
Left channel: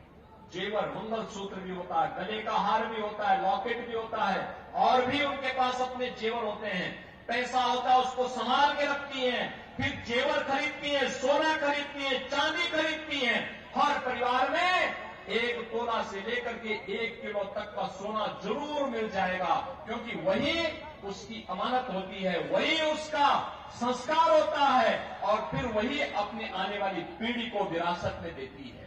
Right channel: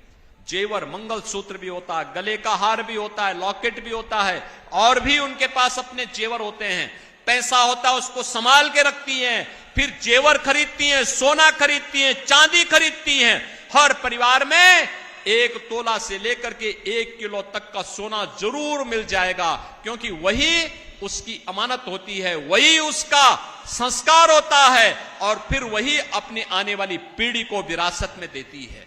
जेवर, मंगलसूत्र भी होता है, गले का हार भी होता है, लॉकेट भी होता है, और भी उनके पास अपने जेवर होते हैं। पैसा होता है उसको संभाल के रखती हैं, फिर जेवर खरीदती हैं, सोना खरीदती हैं, चांदी खरीदती हैं। हर परिवार में 1 तोला से लेकर के 1 किलो तक का सोना जरूर मिल जाएगा, क्योंकि वही उसकी अमानत होती है, वही उसका संस्कार होता है, और फिर वही अपने आने वाली पीढ़ी को विरासत में देती है,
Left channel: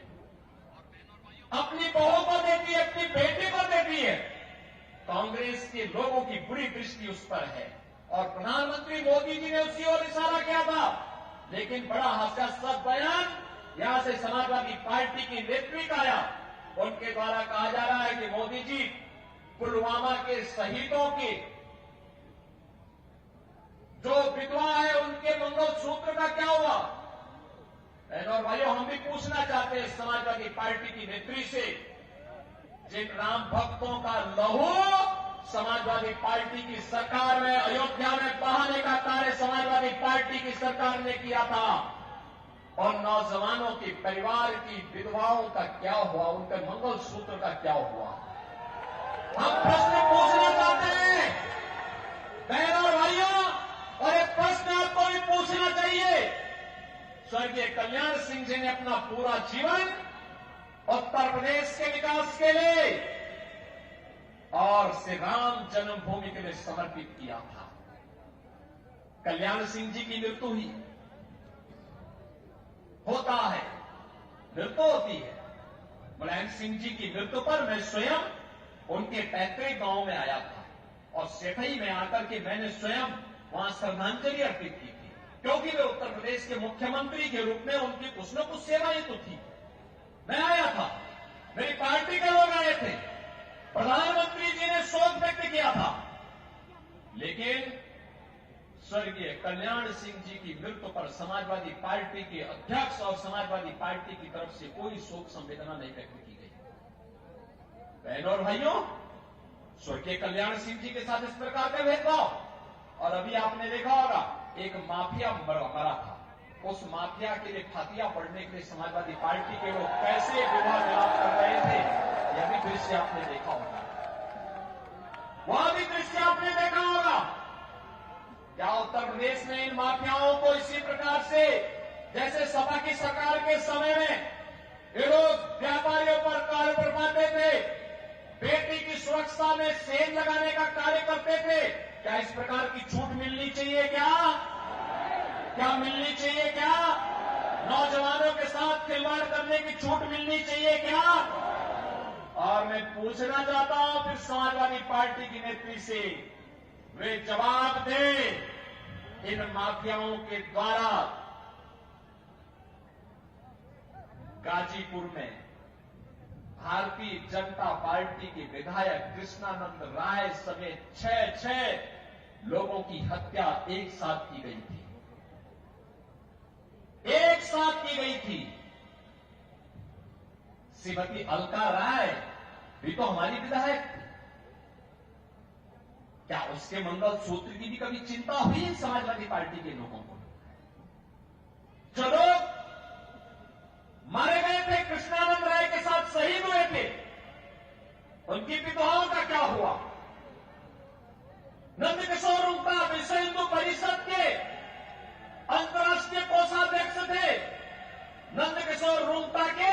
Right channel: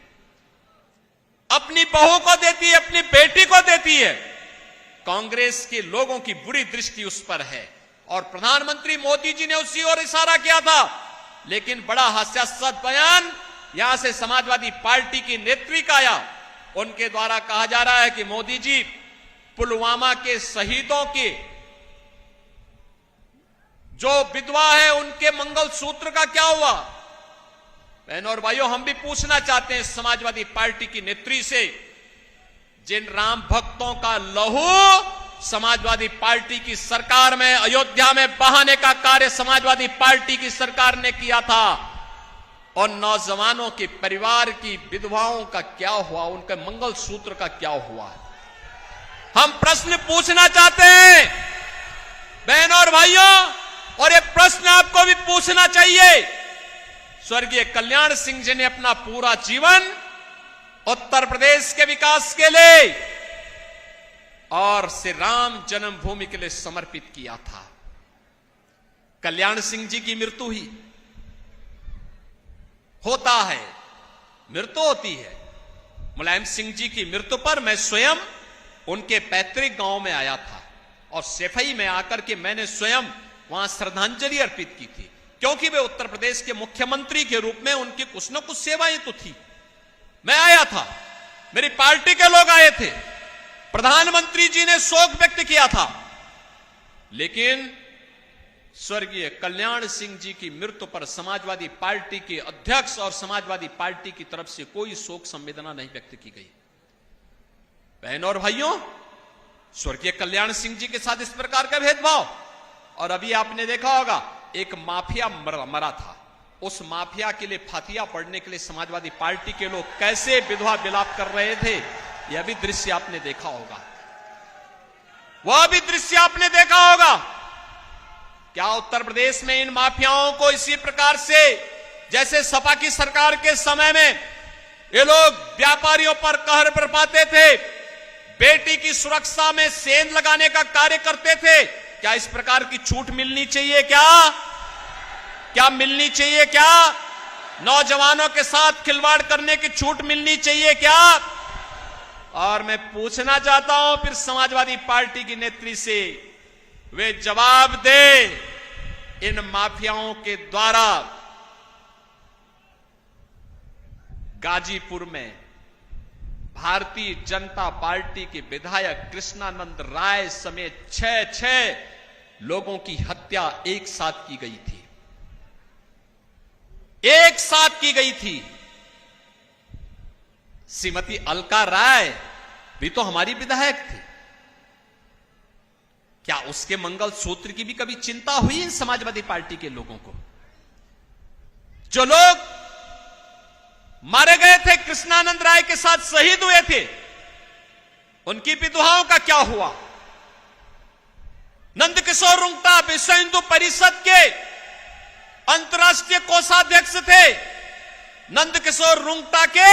अपनी बहू को देती है, अपनी बेटी को देती है। कांग्रेस के लोगों की बुरी दृष्टि उस पर है और प्रधानमंत्री मोदी जी ने उसी ओर इशारा किया था। लेकिन बड़ा हास्यास्पद बयान यहां से समाजवादी पार्टी की नेत्री का आया। उनके द्वारा कहा जा रहा है कि मोदी जी, पुलवामा के शहीदों के जो विधवा है उनके मंगलसूत्र का क्या हुआ? बहनों और भाइयों, हम भी पूछना चाहते हैं समाजवादी पार्टी की नेत्री से, जिन राम भक्तों का लहू समाजवादी पार्टी की सरकार में अयोध्या में बहाने का कार्य समाजवादी पार्टी की सरकार ने किया था, और नौजवानों के परिवार की विधवाओं का क्या हुआ, उनके मंगलसूत्र का क्या हुआ? हम प्रश्न पूछना चाहते हैं बहनों और भाइयों, और ये प्रश्न आपको भी पूछना चाहिए। स्वर्गीय कल्याण सिंह जी ने अपना पूरा जीवन उत्तर प्रदेश के विकास के लिए और श्री राम जन्मभूमि के लिए समर्पित किया था। कल्याण सिंह जी की मृत्यु हुई, होता है, मृत्यु होती है। मुलायम सिंह जी की मृत्यु पर मैं स्वयं उनके पैतृक गांव में आया था और सैफई में आकर के मैंने स्वयं वहां श्रद्धांजलि अर्पित की थी, क्योंकि वे उत्तर प्रदेश के मुख्यमंत्री के रूप में उनकी कुछ न कुछ सेवाएं तो थी। मैं आया था, मेरी पार्टी के लोग आए थे, प्रधानमंत्री जी ने शोक व्यक्त किया था, लेकिन स्वर्गीय कल्याण सिंह जी की मृत्यु पर समाजवादी पार्टी के अध्यक्ष और समाजवादी पार्टी की तरफ से कोई शोक संवेदना नहीं व्यक्त की गई। बहनों और भाइयों, स्वर्गीय कल्याण सिंह जी के साथ इस प्रकार का भेदभाव, और अभी आपने देखा होगा एक माफिया मरा था, उस माफिया के लिए फातिया पढ़ने के लिए समाजवादी पार्टी के लोग कैसे विधवा विलाप कर रहे थे, यह भी दृश्य आपने देखा होगा, वह भी दृश्य आपने देखा होगा। क्या उत्तर प्रदेश में इन माफियाओं को इसी प्रकार से, जैसे सपा की सरकार के समय में ये लोग व्यापारियों पर कहर बरपाते थे, बेटी की सुरक्षा में सेंध लगाने का कार्य करते थे, क्या इस प्रकार की छूट मिलनी चाहिए? क्या मिलनी चाहिए? क्या नौजवानों के साथ खिलवाड़ करने की छूट मिलनी चाहिए क्या? और मैं पूछना चाहता हूं फिर समाजवादी पार्टी की नेत्री से, वे जवाब दे, इन माफियाओं के द्वारा गाजीपुर में भारतीय जनता पार्टी के विधायक कृष्णानंद राय समेत 6 लोगों की हत्या एक साथ की गई थी, एक साथ की गई थी। श्रीमती अलका राय भी तो हमारी विधायक थी, क्या उसके मंगलसूत्र की भी कभी चिंता हुई इन समाजवादी पार्टी के लोगों को? जो लोग मारे गए थे, कृष्णानंद राय के साथ शहीद हुए थे, उनकी विधवाओं का क्या हुआ? नंदकिशोर रुंगटा विश्व हिंदू परिषद के अंतर्राष्ट्रीय कोषाध्यक्ष थे। नंदकिशोर रुंगटा के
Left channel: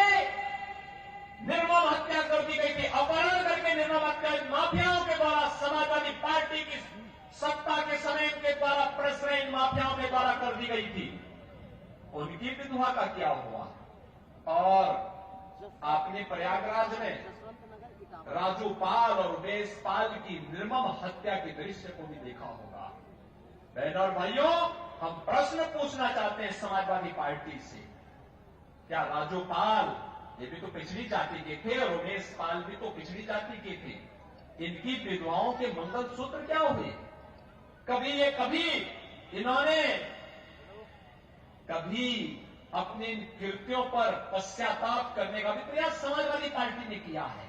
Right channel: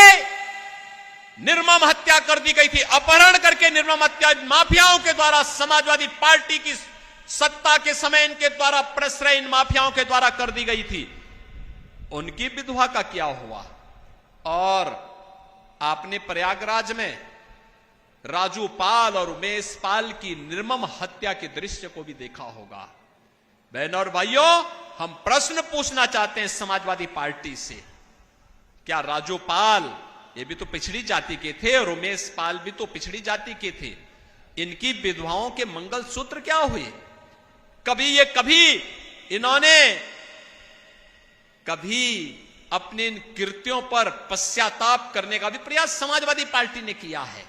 निर्मम हत्या कर दी गई थी, अपहरण करके निर्मम हत्या माफियाओं के द्वारा समाजवादी पार्टी की सत्ता के समय इनके द्वारा प्रश्रय इन माफियाओं के द्वारा कर दी गई थी। उनकी विधवा का क्या हुआ? और आपने प्रयागराज में राजू पाल और उमेश पाल की निर्मम हत्या के दृश्य को भी देखा होगा। बहनों और भाइयों, हम प्रश्न पूछना चाहते हैं समाजवादी पार्टी से, क्या राजू पाल ये भी तो पिछड़ी जाति के थे और उमेश पाल भी तो पिछड़ी जाति के थे, इनकी विधवाओं के मंगलसूत्र क्या हुए? कभी इन्होंने कभी अपने इन कृत्यों पर पश्चाताप करने का भी प्रयास समाजवादी पार्टी ने किया है?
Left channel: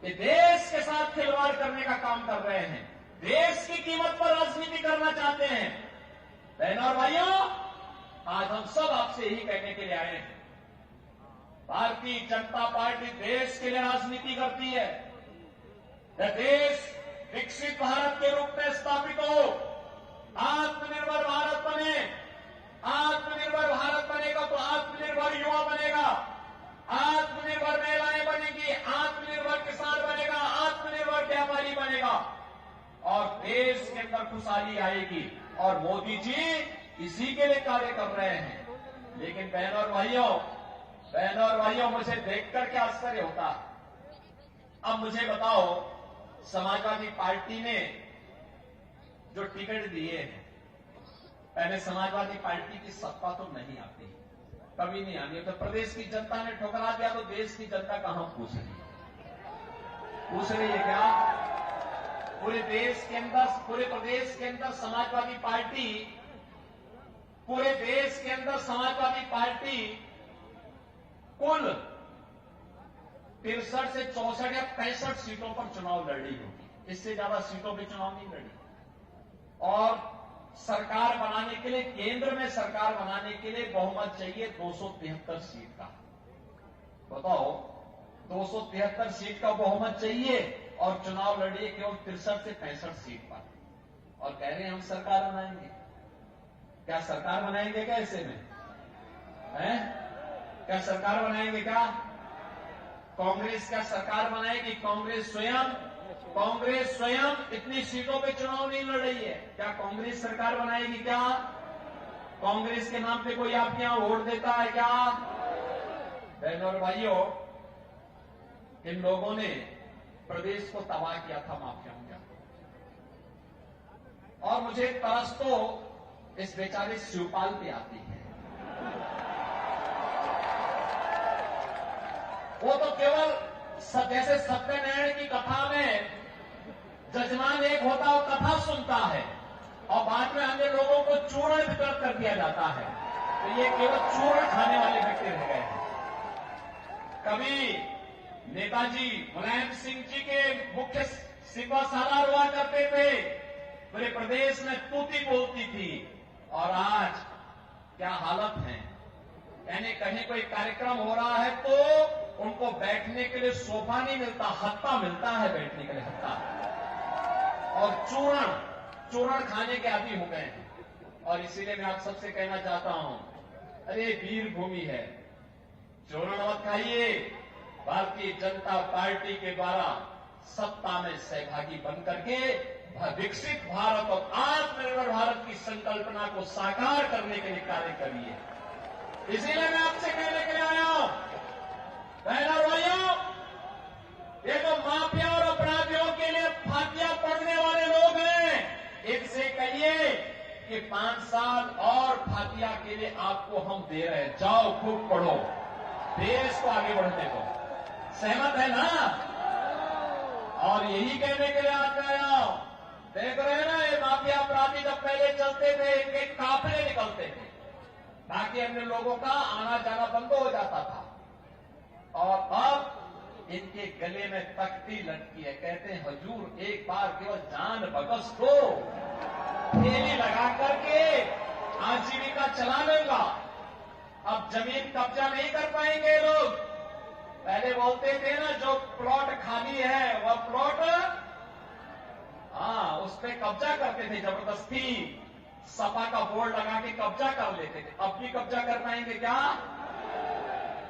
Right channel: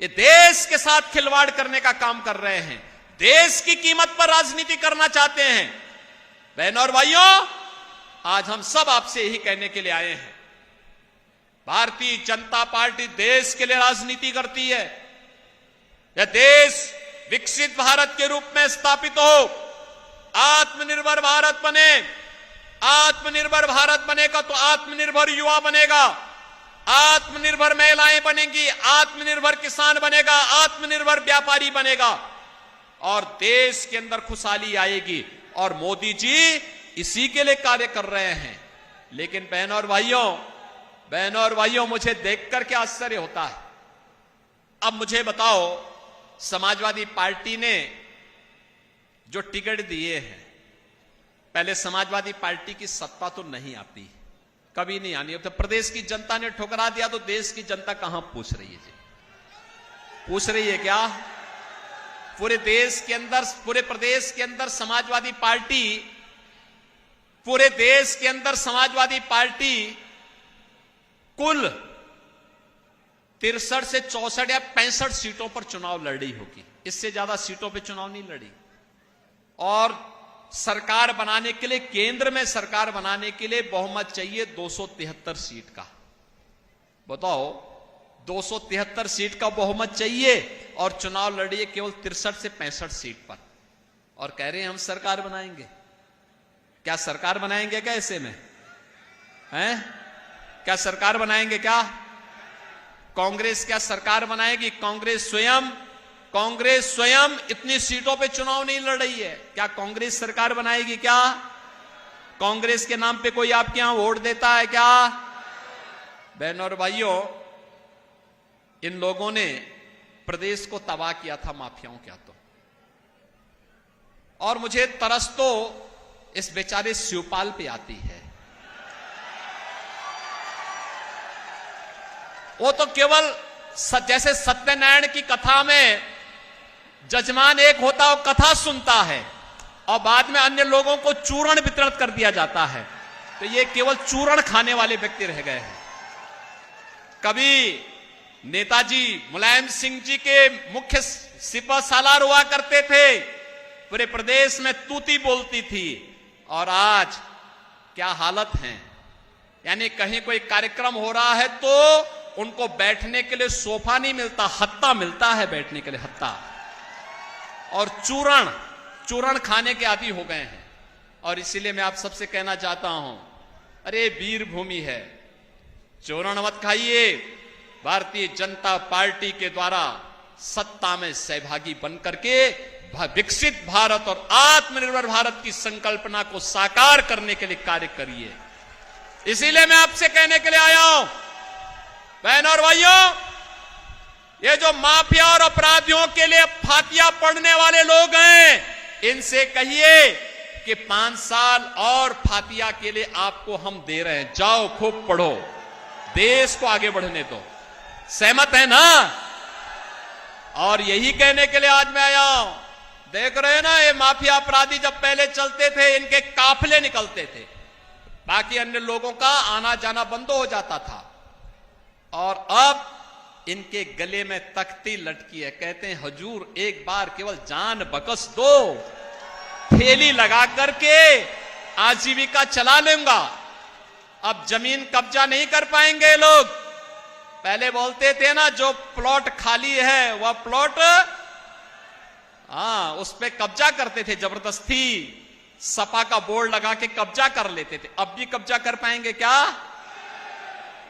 ये देश के साथ खिलवाड़ करने का काम कर रहे हैं, देश की कीमत पर राजनीति करना चाहते हैं। बहनों और भाइयों, आज हम सब आपसे यही कहने के लिए आए हैं, भारतीय जनता पार्टी देश के लिए राजनीति करती है। यह देश विकसित भारत के रूप में स्थापित हो, आत्मनिर्भर भारत बने। आत्मनिर्भर भारत बनेगा तो आत्मनिर्भर युवा बनेगा, आत्मनिर्भर महिलाएं बनेंगी, आत्मनिर्भर किसान बनेगा, आत्मनिर्भर व्यापारी बनेगा और देश के अंदर खुशहाली आएगी। और मोदी जी इसी के लिए कार्य कर रहे हैं। लेकिन बहनों और भाइयों, मुझे देखकर क्या आश्चर्य होता है। अब मुझे बताओ, समाजवादी पार्टी ने जो टिकट दिए हैं, पहले समाजवादी पार्टी की सत्ता तो नहीं आती, कभी नहीं आनी। तो प्रदेश की जनता ने ठुकरा दिया तो देश की जनता कहां पूछ रही है? पूछ रही है क्या? पूरे देश के अंदर, पूरे प्रदेश के अंदर समाजवादी पार्टी, पूरे देश के अंदर समाजवादी पार्टी कुल 63 से 64 या 65 सीटों पर चुनाव लड़ी होगी, इससे ज्यादा सीटों पे चुनाव नहीं लड़ी। और सरकार बनाने के लिए, केंद्र में सरकार बनाने के लिए बहुमत चाहिए 273 सीट का। बताओ, 273 सीट का बहुमत चाहिए और चुनाव लड़िए केवल 63 से 65 सीट पर, और कह रहे हैं हम सरकार बनाएंगे। क्या सरकार बनाएंगे क्या ऐसे में? हैं? क्या सरकार बनाएंगे क्या? कांग्रेस क्या सरकार बनाएगी? कांग्रेस स्वयं इतनी सीटों पे चुनाव नहीं लड़ रही है। क्या कांग्रेस सरकार बनाएगी क्या? कांग्रेस के नाम पे कोई आपके यहां वोट देता है क्या? बहनों और भाइयों, इन लोगों ने प्रदेश को तबाह किया था माफियाओं के हाथों। और मुझे तरस तो इस बेचारे शिवपाल पे आती है। वो तो केवल जैसे सत्यनारायण की कथा में जजमान एक होता है, वो कथा सुनता है और बाद में अन्य लोगों को चूर्ण वितरण कर दिया जाता है। तो ये केवल चूर्ण खाने वाले व्यक्ति रह गए हैं। कभी नेताजी मुलायम सिंह जी के मुख्य सिपह सालार हुआ करते थे, पूरे प्रदेश में तूती बोलती थी, और आज क्या हालत है। यानी कहीं कोई कार्यक्रम हो रहा है तो उनको बैठने के लिए सोफा नहीं मिलता, हत्ता मिलता है बैठने के लिए, हत्ता। और चूरण खाने के आदी हो गए हैं। और इसीलिए मैं आप सबसे कहना चाहता हूं, अरे वीर भूमि है, चूरण मत खाइए। भारतीय जनता पार्टी के द्वारा सत्ता में सहभागी बनकर के विकसित भारत और आत्मनिर्भर भारत की संकल्पना को साकार करने के लिए कार्य करिए। इसीलिए मैं आपसे कहने के लिए आया हूं, बहनों और भाइयों, ये जो माफिया और अपराधियों के लिए फातिया पढ़ने वाले लोग हैं, इनसे कहिए कि 5 साल और फातिया के लिए आपको हम दे रहे हैं, जाओ खूब पढ़ो, देश को आगे बढ़ने दो। सहमत है ना? और यही कहने के लिए आज मैं आया हूं। देख रहे हैं ना, ये माफिया अपराधी जब पहले चलते थे, इनके काफिले निकलते थे, बाकी अन्य लोगों का आना जाना बंद हो जाता था। और अब इनके गले में तख्ती लटकी है, कहते हैं हुजूर एक बार केवल जान बख्श दो, ठेली लगा करके आजीविका चला लूंगा। अब जमीन कब्जा नहीं कर पाएंगे लोग। पहले बोलते थे ना, जो प्लॉट खाली है वह प्लॉट, उस पे कब्जा करते थे जबरदस्ती, सपा का बोर्ड लगा के कब्जा कर लेते थे। अब भी कब्जा कर पाएंगे क्या?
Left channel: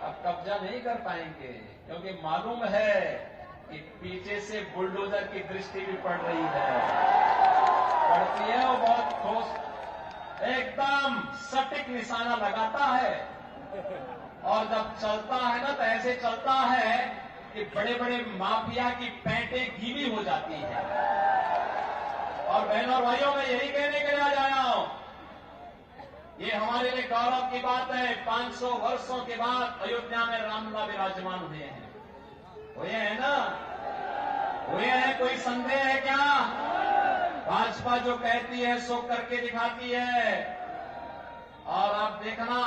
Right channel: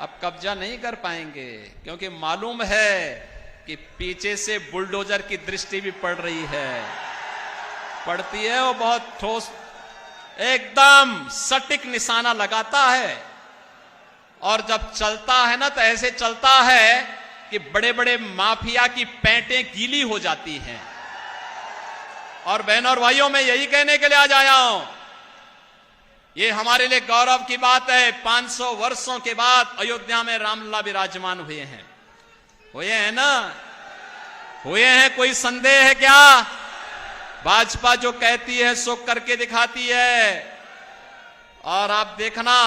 अब कब्जा नहीं कर पाएंगे, क्योंकि मालूम है कि पीछे से बुलडोजर की दृष्टि भी पड़ रही है, पड़ती है, वो बहुत ठोस एकदम सटीक निशाना लगाता है। और जब चलता है ना तो ऐसे चलता है कि बड़े बड़े माफिया की पैंटें गीली हो जाती हैं। और बहनों और भाइयों, मैं यही कहने के लिए आज आया हूं, ये हमारे लिए गौरव की बात है। 500 वर्षों के बाद अयोध्या में रामलला विराजमान हुए हैं। हुए हैं ना? हुए हैं, कोई संदेह है क्या? भाजपा जो कहती है सो करके दिखाती है। और आप देखना,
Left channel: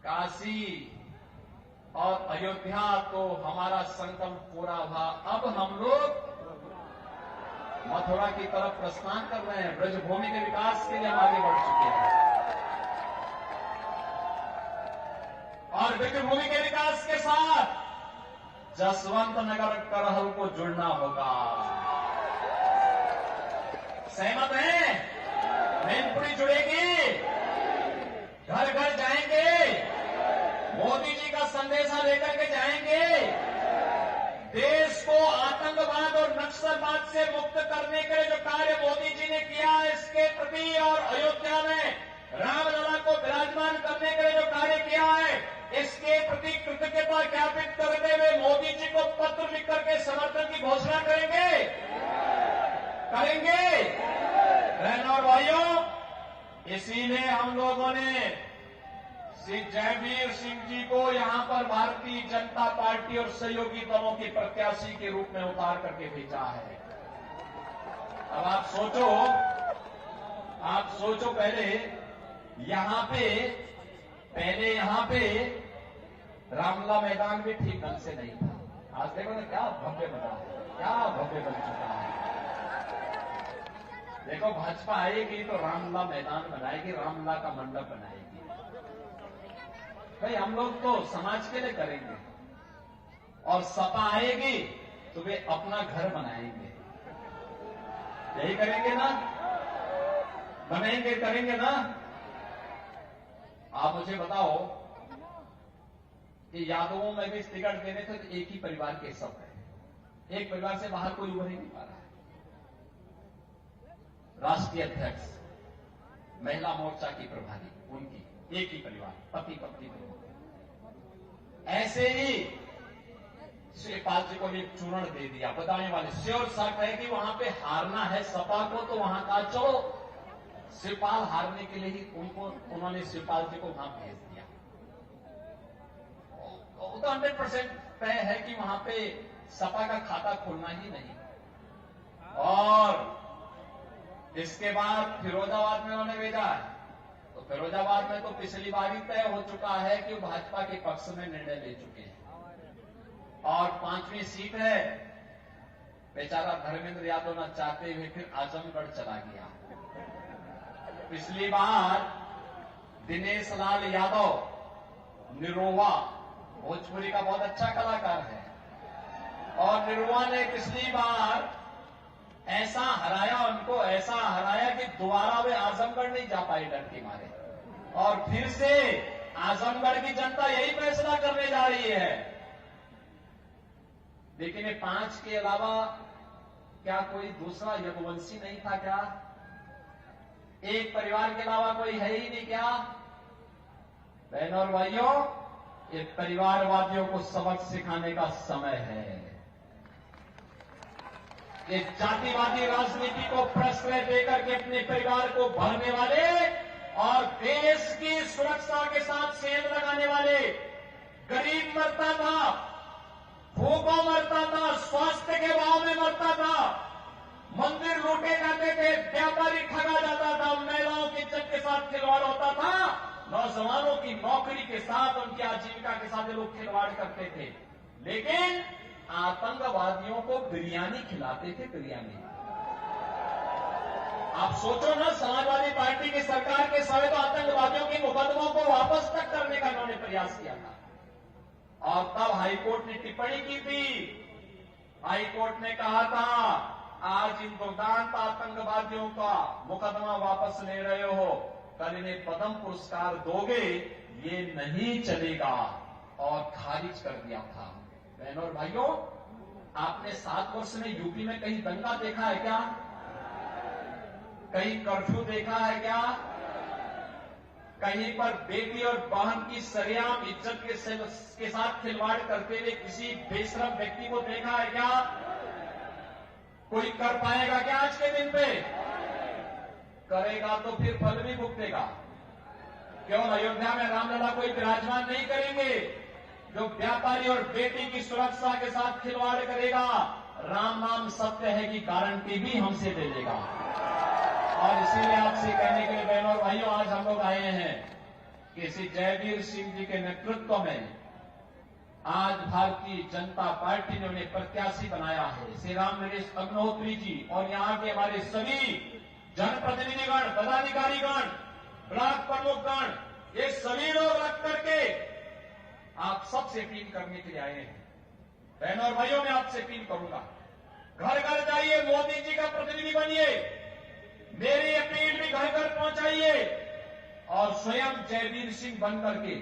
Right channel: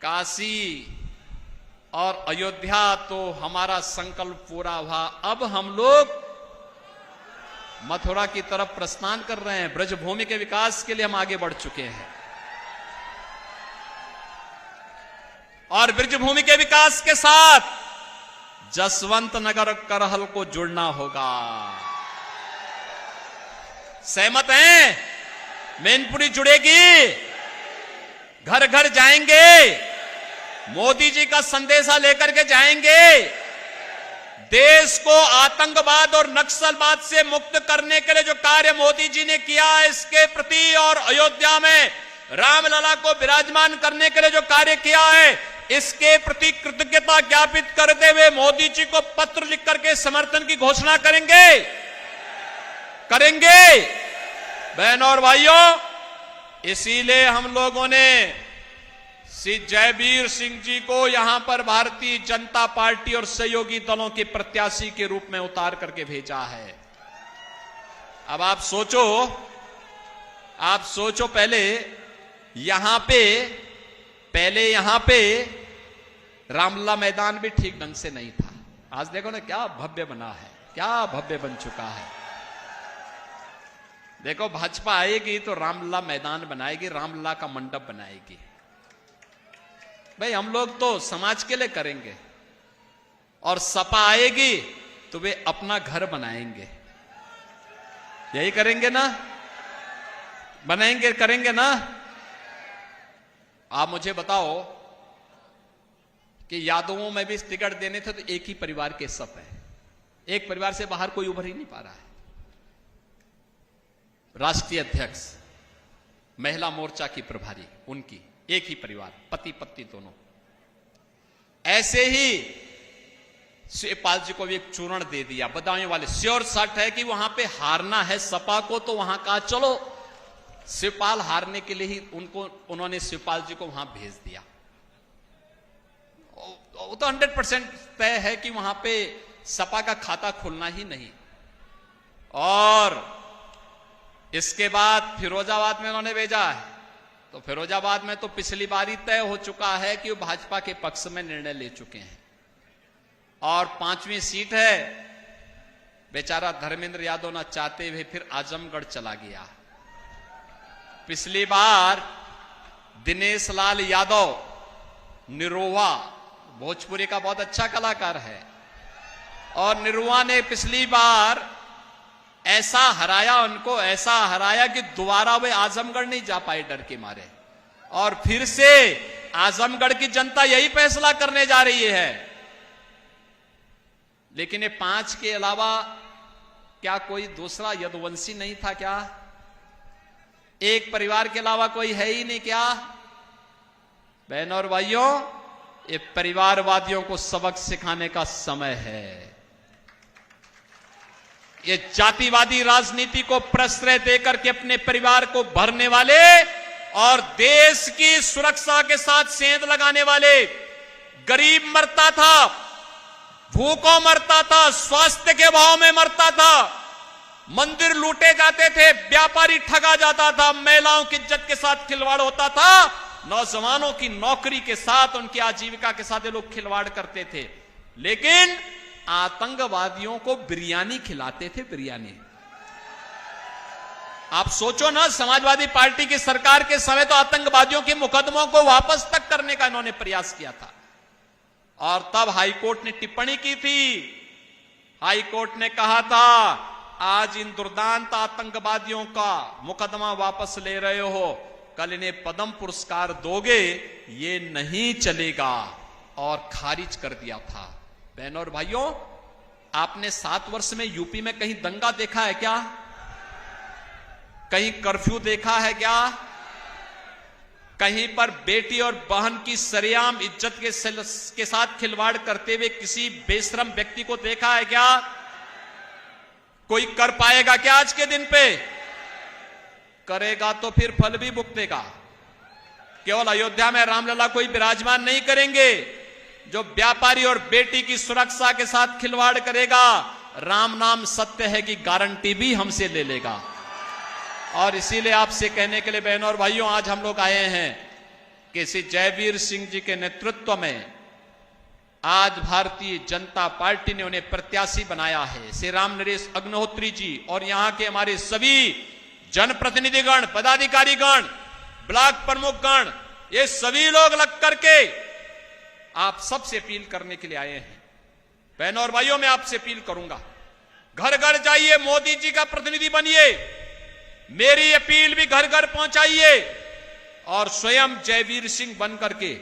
काशी और अयोध्या तो हमारा संकल्प पूरा हुआ। अब हम लोग मथुरा की तरफ प्रस्थान कर रहे हैं। ब्रजभूमि के विकास के लिए हम आगे बढ़ चुके हैं और ब्रजभूमि के विकास के साथ जसवंत नगर करहल को जुड़ना होगा। सहमत हैं? मैनपुरी जुड़ेगी, घर घर जाएंगे, मोदी जी का संदेशा लेकर के जाएंगे। देश को आतंकवाद और नक्सलवाद से मुक्त करने के लिए जो कार्य मोदी जी ने किया है इसके प्रति, और अयोध्या में रामलला को विराजमान करने के लिए जो कार्य किया है इसके प्रति कृतज्ञता ज्ञापित करते हुए मोदी जी को पत्र लिख करके समर्थन की घोषणा करेंगे। बहनों और भाइयों, इसीलिए हम लोगों ने श्री जयवीर सिंह जी को यहां पर भारतीय जनता पार्टी और सहयोगी दलों के प्रत्याशी के रूप में उतार करके भेजा है। अब आप सोचो पहले यहां पे रामलला मैदान भी ठीक ढंग से नहीं था। आज देखो ना क्या भव्य बना है, क्या भव्य बन चुका है। देखो, भाजपा आएगी तो रामलला मैदान बनाएगी, रामलला का मंडप बनाएगी। भाई, हम लोग तो समाज के लिए करेंगे, और सपा आएगी तो वे अपना घर बनाएंगे। यही करेंगे ना? करेंगे ना? आप मुझे बताओ कि यादवों में भी टिकट देने थे तो एक ही परिवार के सब है, एक परिवार से बाहर कोई उभर ही नहीं पा रहा है। राष्ट्रीय अध्यक्ष, महिला मोर्चा की प्रभारी, उनकी एक ही परिवार, पति पत्नी दोनों। ऐसे ही शिवपाल जी को भी एक चूर्ण दे दिया, बदायूं वाले। श्योर शॉट है कि वहां पे हारना है सपा को, तो वहां कहा चलो शिवपाल हारने के लिए ही उन्होंने शिवपाल जी को वहां भेज दिया। वो तो 100% तय है कि वहां पे सपा का खाता खुलना ही नहीं। और इसके बाद फिरोजाबाद में उन्होंने भेजा है, तो फिरोजाबाद में तो पिछली बार ही तय हो चुका है कि वो भाजपा के पक्ष में निर्णय ले चुके हैं। और 5वीं सीट है, बेचारा धर्मेंद्र यादव ना चाहते हुए फिर आजमगढ़ चला गया। पिछली बार दिनेश लाल यादव निरोवा, भोजपुरी का बहुत अच्छा कलाकार है, और निरोवा ने पिछली बार ऐसा हराया कि दोबारा वे आजमगढ़ नहीं जा पाए डर के मारे। और फिर से आजमगढ़ की जनता यही फैसला करने जा रही है। लेकिन ये 5 के अलावा क्या कोई दूसरा यदुवंशी नहीं था क्या? एक परिवार के अलावा कोई है ही नहीं क्या? बहनों और भाइयों, ये परिवारवादियों को सबक सिखाने का समय है। ये जातिवादी राजनीति को प्रश्रय देकर के अपने परिवार को भरने वाले और देश की सुरक्षा के साथ सेंध लगाने वाले, गरीब मरता था, भूखों मरता था, स्वास्थ्य के अभाव में मरता था, मंदिर लूटे जाते थे, व्यापारी ठगा जाता था, महिलाओं की इज्जत के साथ खिलवाड़ होता था, नौजवानों की नौकरी के साथ, उनकी आजीविका के साथ ये लोग खिलवाड़ करते थे। लेकिन आतंकवादियों को बिरयानी खिलाते थे, बिरयानी। आप सोचो ना, समाजवादी पार्टी की सरकार के समय तो आतंकवादियों के मुकदमों को वापस तक करने का इन्होंने प्रयास किया था। और तब हाईकोर्ट ने टिप्पणी की थी। हाईकोर्ट ने कहा था, आज इन दुर्दांत आतंकवादियों का मुकदमा वापस ले रहे हो, कल इन्हें पद्म पुरस्कार दोगे ये नहीं चलेगा और खारिज कर दिया था। बहनों और भाइयों, आपने 7 वर्ष में यूपी में कहीं दंगा देखा है क्या? कहीं कर्फ्यू देखा है क्या? कहीं पर बेटी और बहन की सरेआम इज्जत के साथ खिलवाड़ करते हुए किसी बेशरम व्यक्ति को देखा है क्या? कोई कर पाएगा क्या आज के दिन पे? करेगा तो फिर फल भी भुगतेगा। केवल अयोध्या में रामलला कोई विराजमान नहीं करेंगे। जो व्यापारी और बेटी की सुरक्षा के साथ खिलवाड़ करेगा, राम नाम सत्य है की गारंटी भी हमसे ले लेगा। और इसीलिए आपसे कहने के लिए बहनों और भाइयों, आज हम लोग आए हैं कि श्री जयवीर सिंह जी के नेतृत्व में आज भारतीय जनता पार्टी ने उन्हें प्रत्याशी बनाया है। श्री राम नरेश अग्निहोत्री जी और यहां के हमारे सभी जनप्रतिनिधिगण, पदाधिकारीगण, ब्लॉक प्रमुखगण, ये सभी लोग लग करके आप सबसे अपील करने के लिए आए हैं। बहनों और भाइयों, मैं आपसे अपील करूंगा, घर घर जाइए, मोदी जी का प्रतिनिधि बनिए, मेरी अपील भी घर घर पहुंचाइए और स्वयं जयवीर सिंह बन करके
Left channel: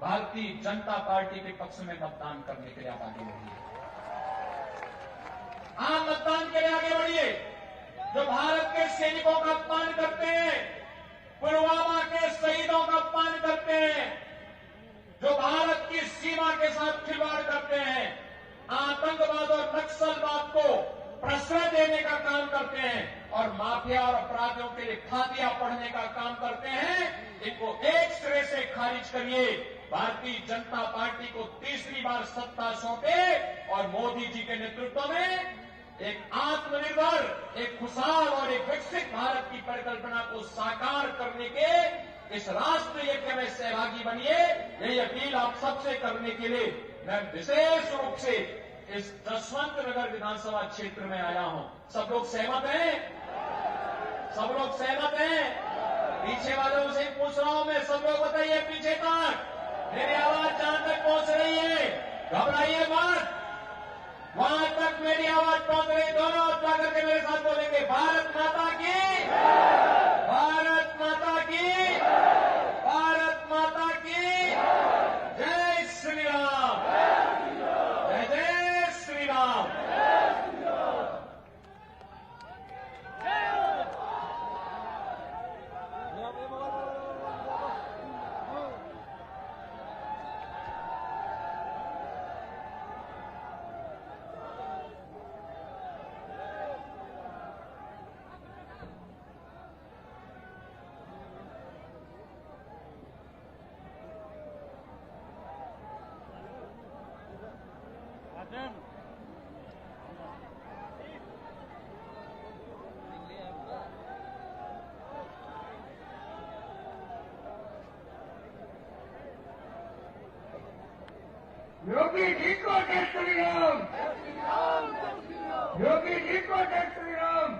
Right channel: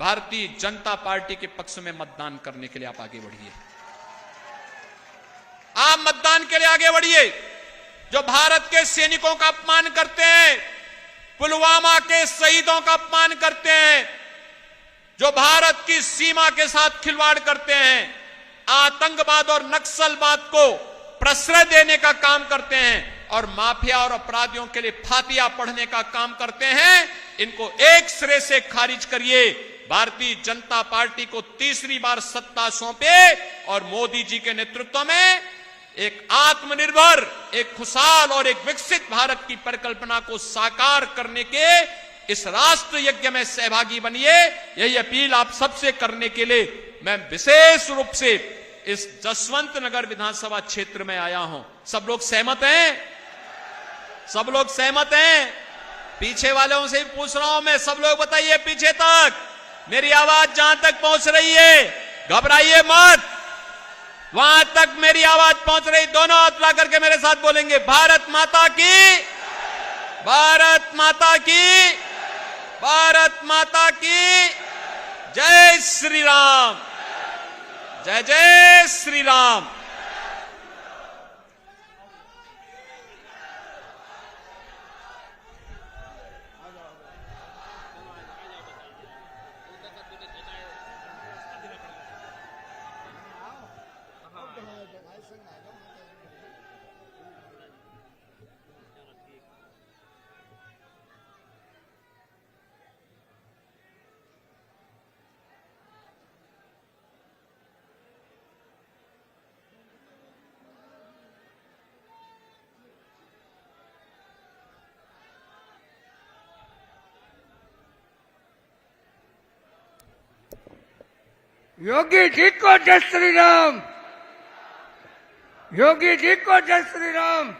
भारतीय जनता पार्टी के पक्ष में मतदान करने के लिए आप आगे बढ़िए। आप मतदान के लिए आगे बढ़िए। जो भारत के सैनिकों का अपमान करते हैं, पुलवामा के शहीदों का अपमान करते हैं, जो भारत की सीमा के साथ खिलवाड़ करते हैं, आतंकवाद और नक्सलवाद को प्रश्रय देने का काम करते हैं और माफिया और अपराधियों के लिए फातिया पढ़ने का काम करते हैं, इनको एक सिरे से खारिज करिए। भारतीय जनता पार्टी को तीसरी बार सत्ता सौंपे और मोदी जी के नेतृत्व में एक आत्मनिर्भर, एक खुशहाल और एक विकसित भारत की परिकल्पना को साकार करने के इस राष्ट्र यज्ञ में सहभागी बनिए। यही अपील आप सबसे करने के लिए मैं विशेष रूप से इस जसवंत नगर विधानसभा क्षेत्र में आया हूं। सब लोग सहमत हैं? सब लोग सहमत हैं? पीछे वालों से पूछ रहा हूं मैं, सब लोग बताइए पीछे तक मेरी आवाज जहां तक पहुंच रही है, घबराइए मत, वहां तक मेरी आवाज पहुंच रही, दोनों हाथ ला करके मेरे साथ बोलेंगे, भारत माता की, भारत माता की, भारत माता की जय श्री राम, जय जय श्री राम। योगी जी को जय श्री राम, योगी जी को जय श्री राम,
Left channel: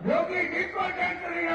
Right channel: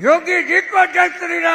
योगी जी को जय श्री राम।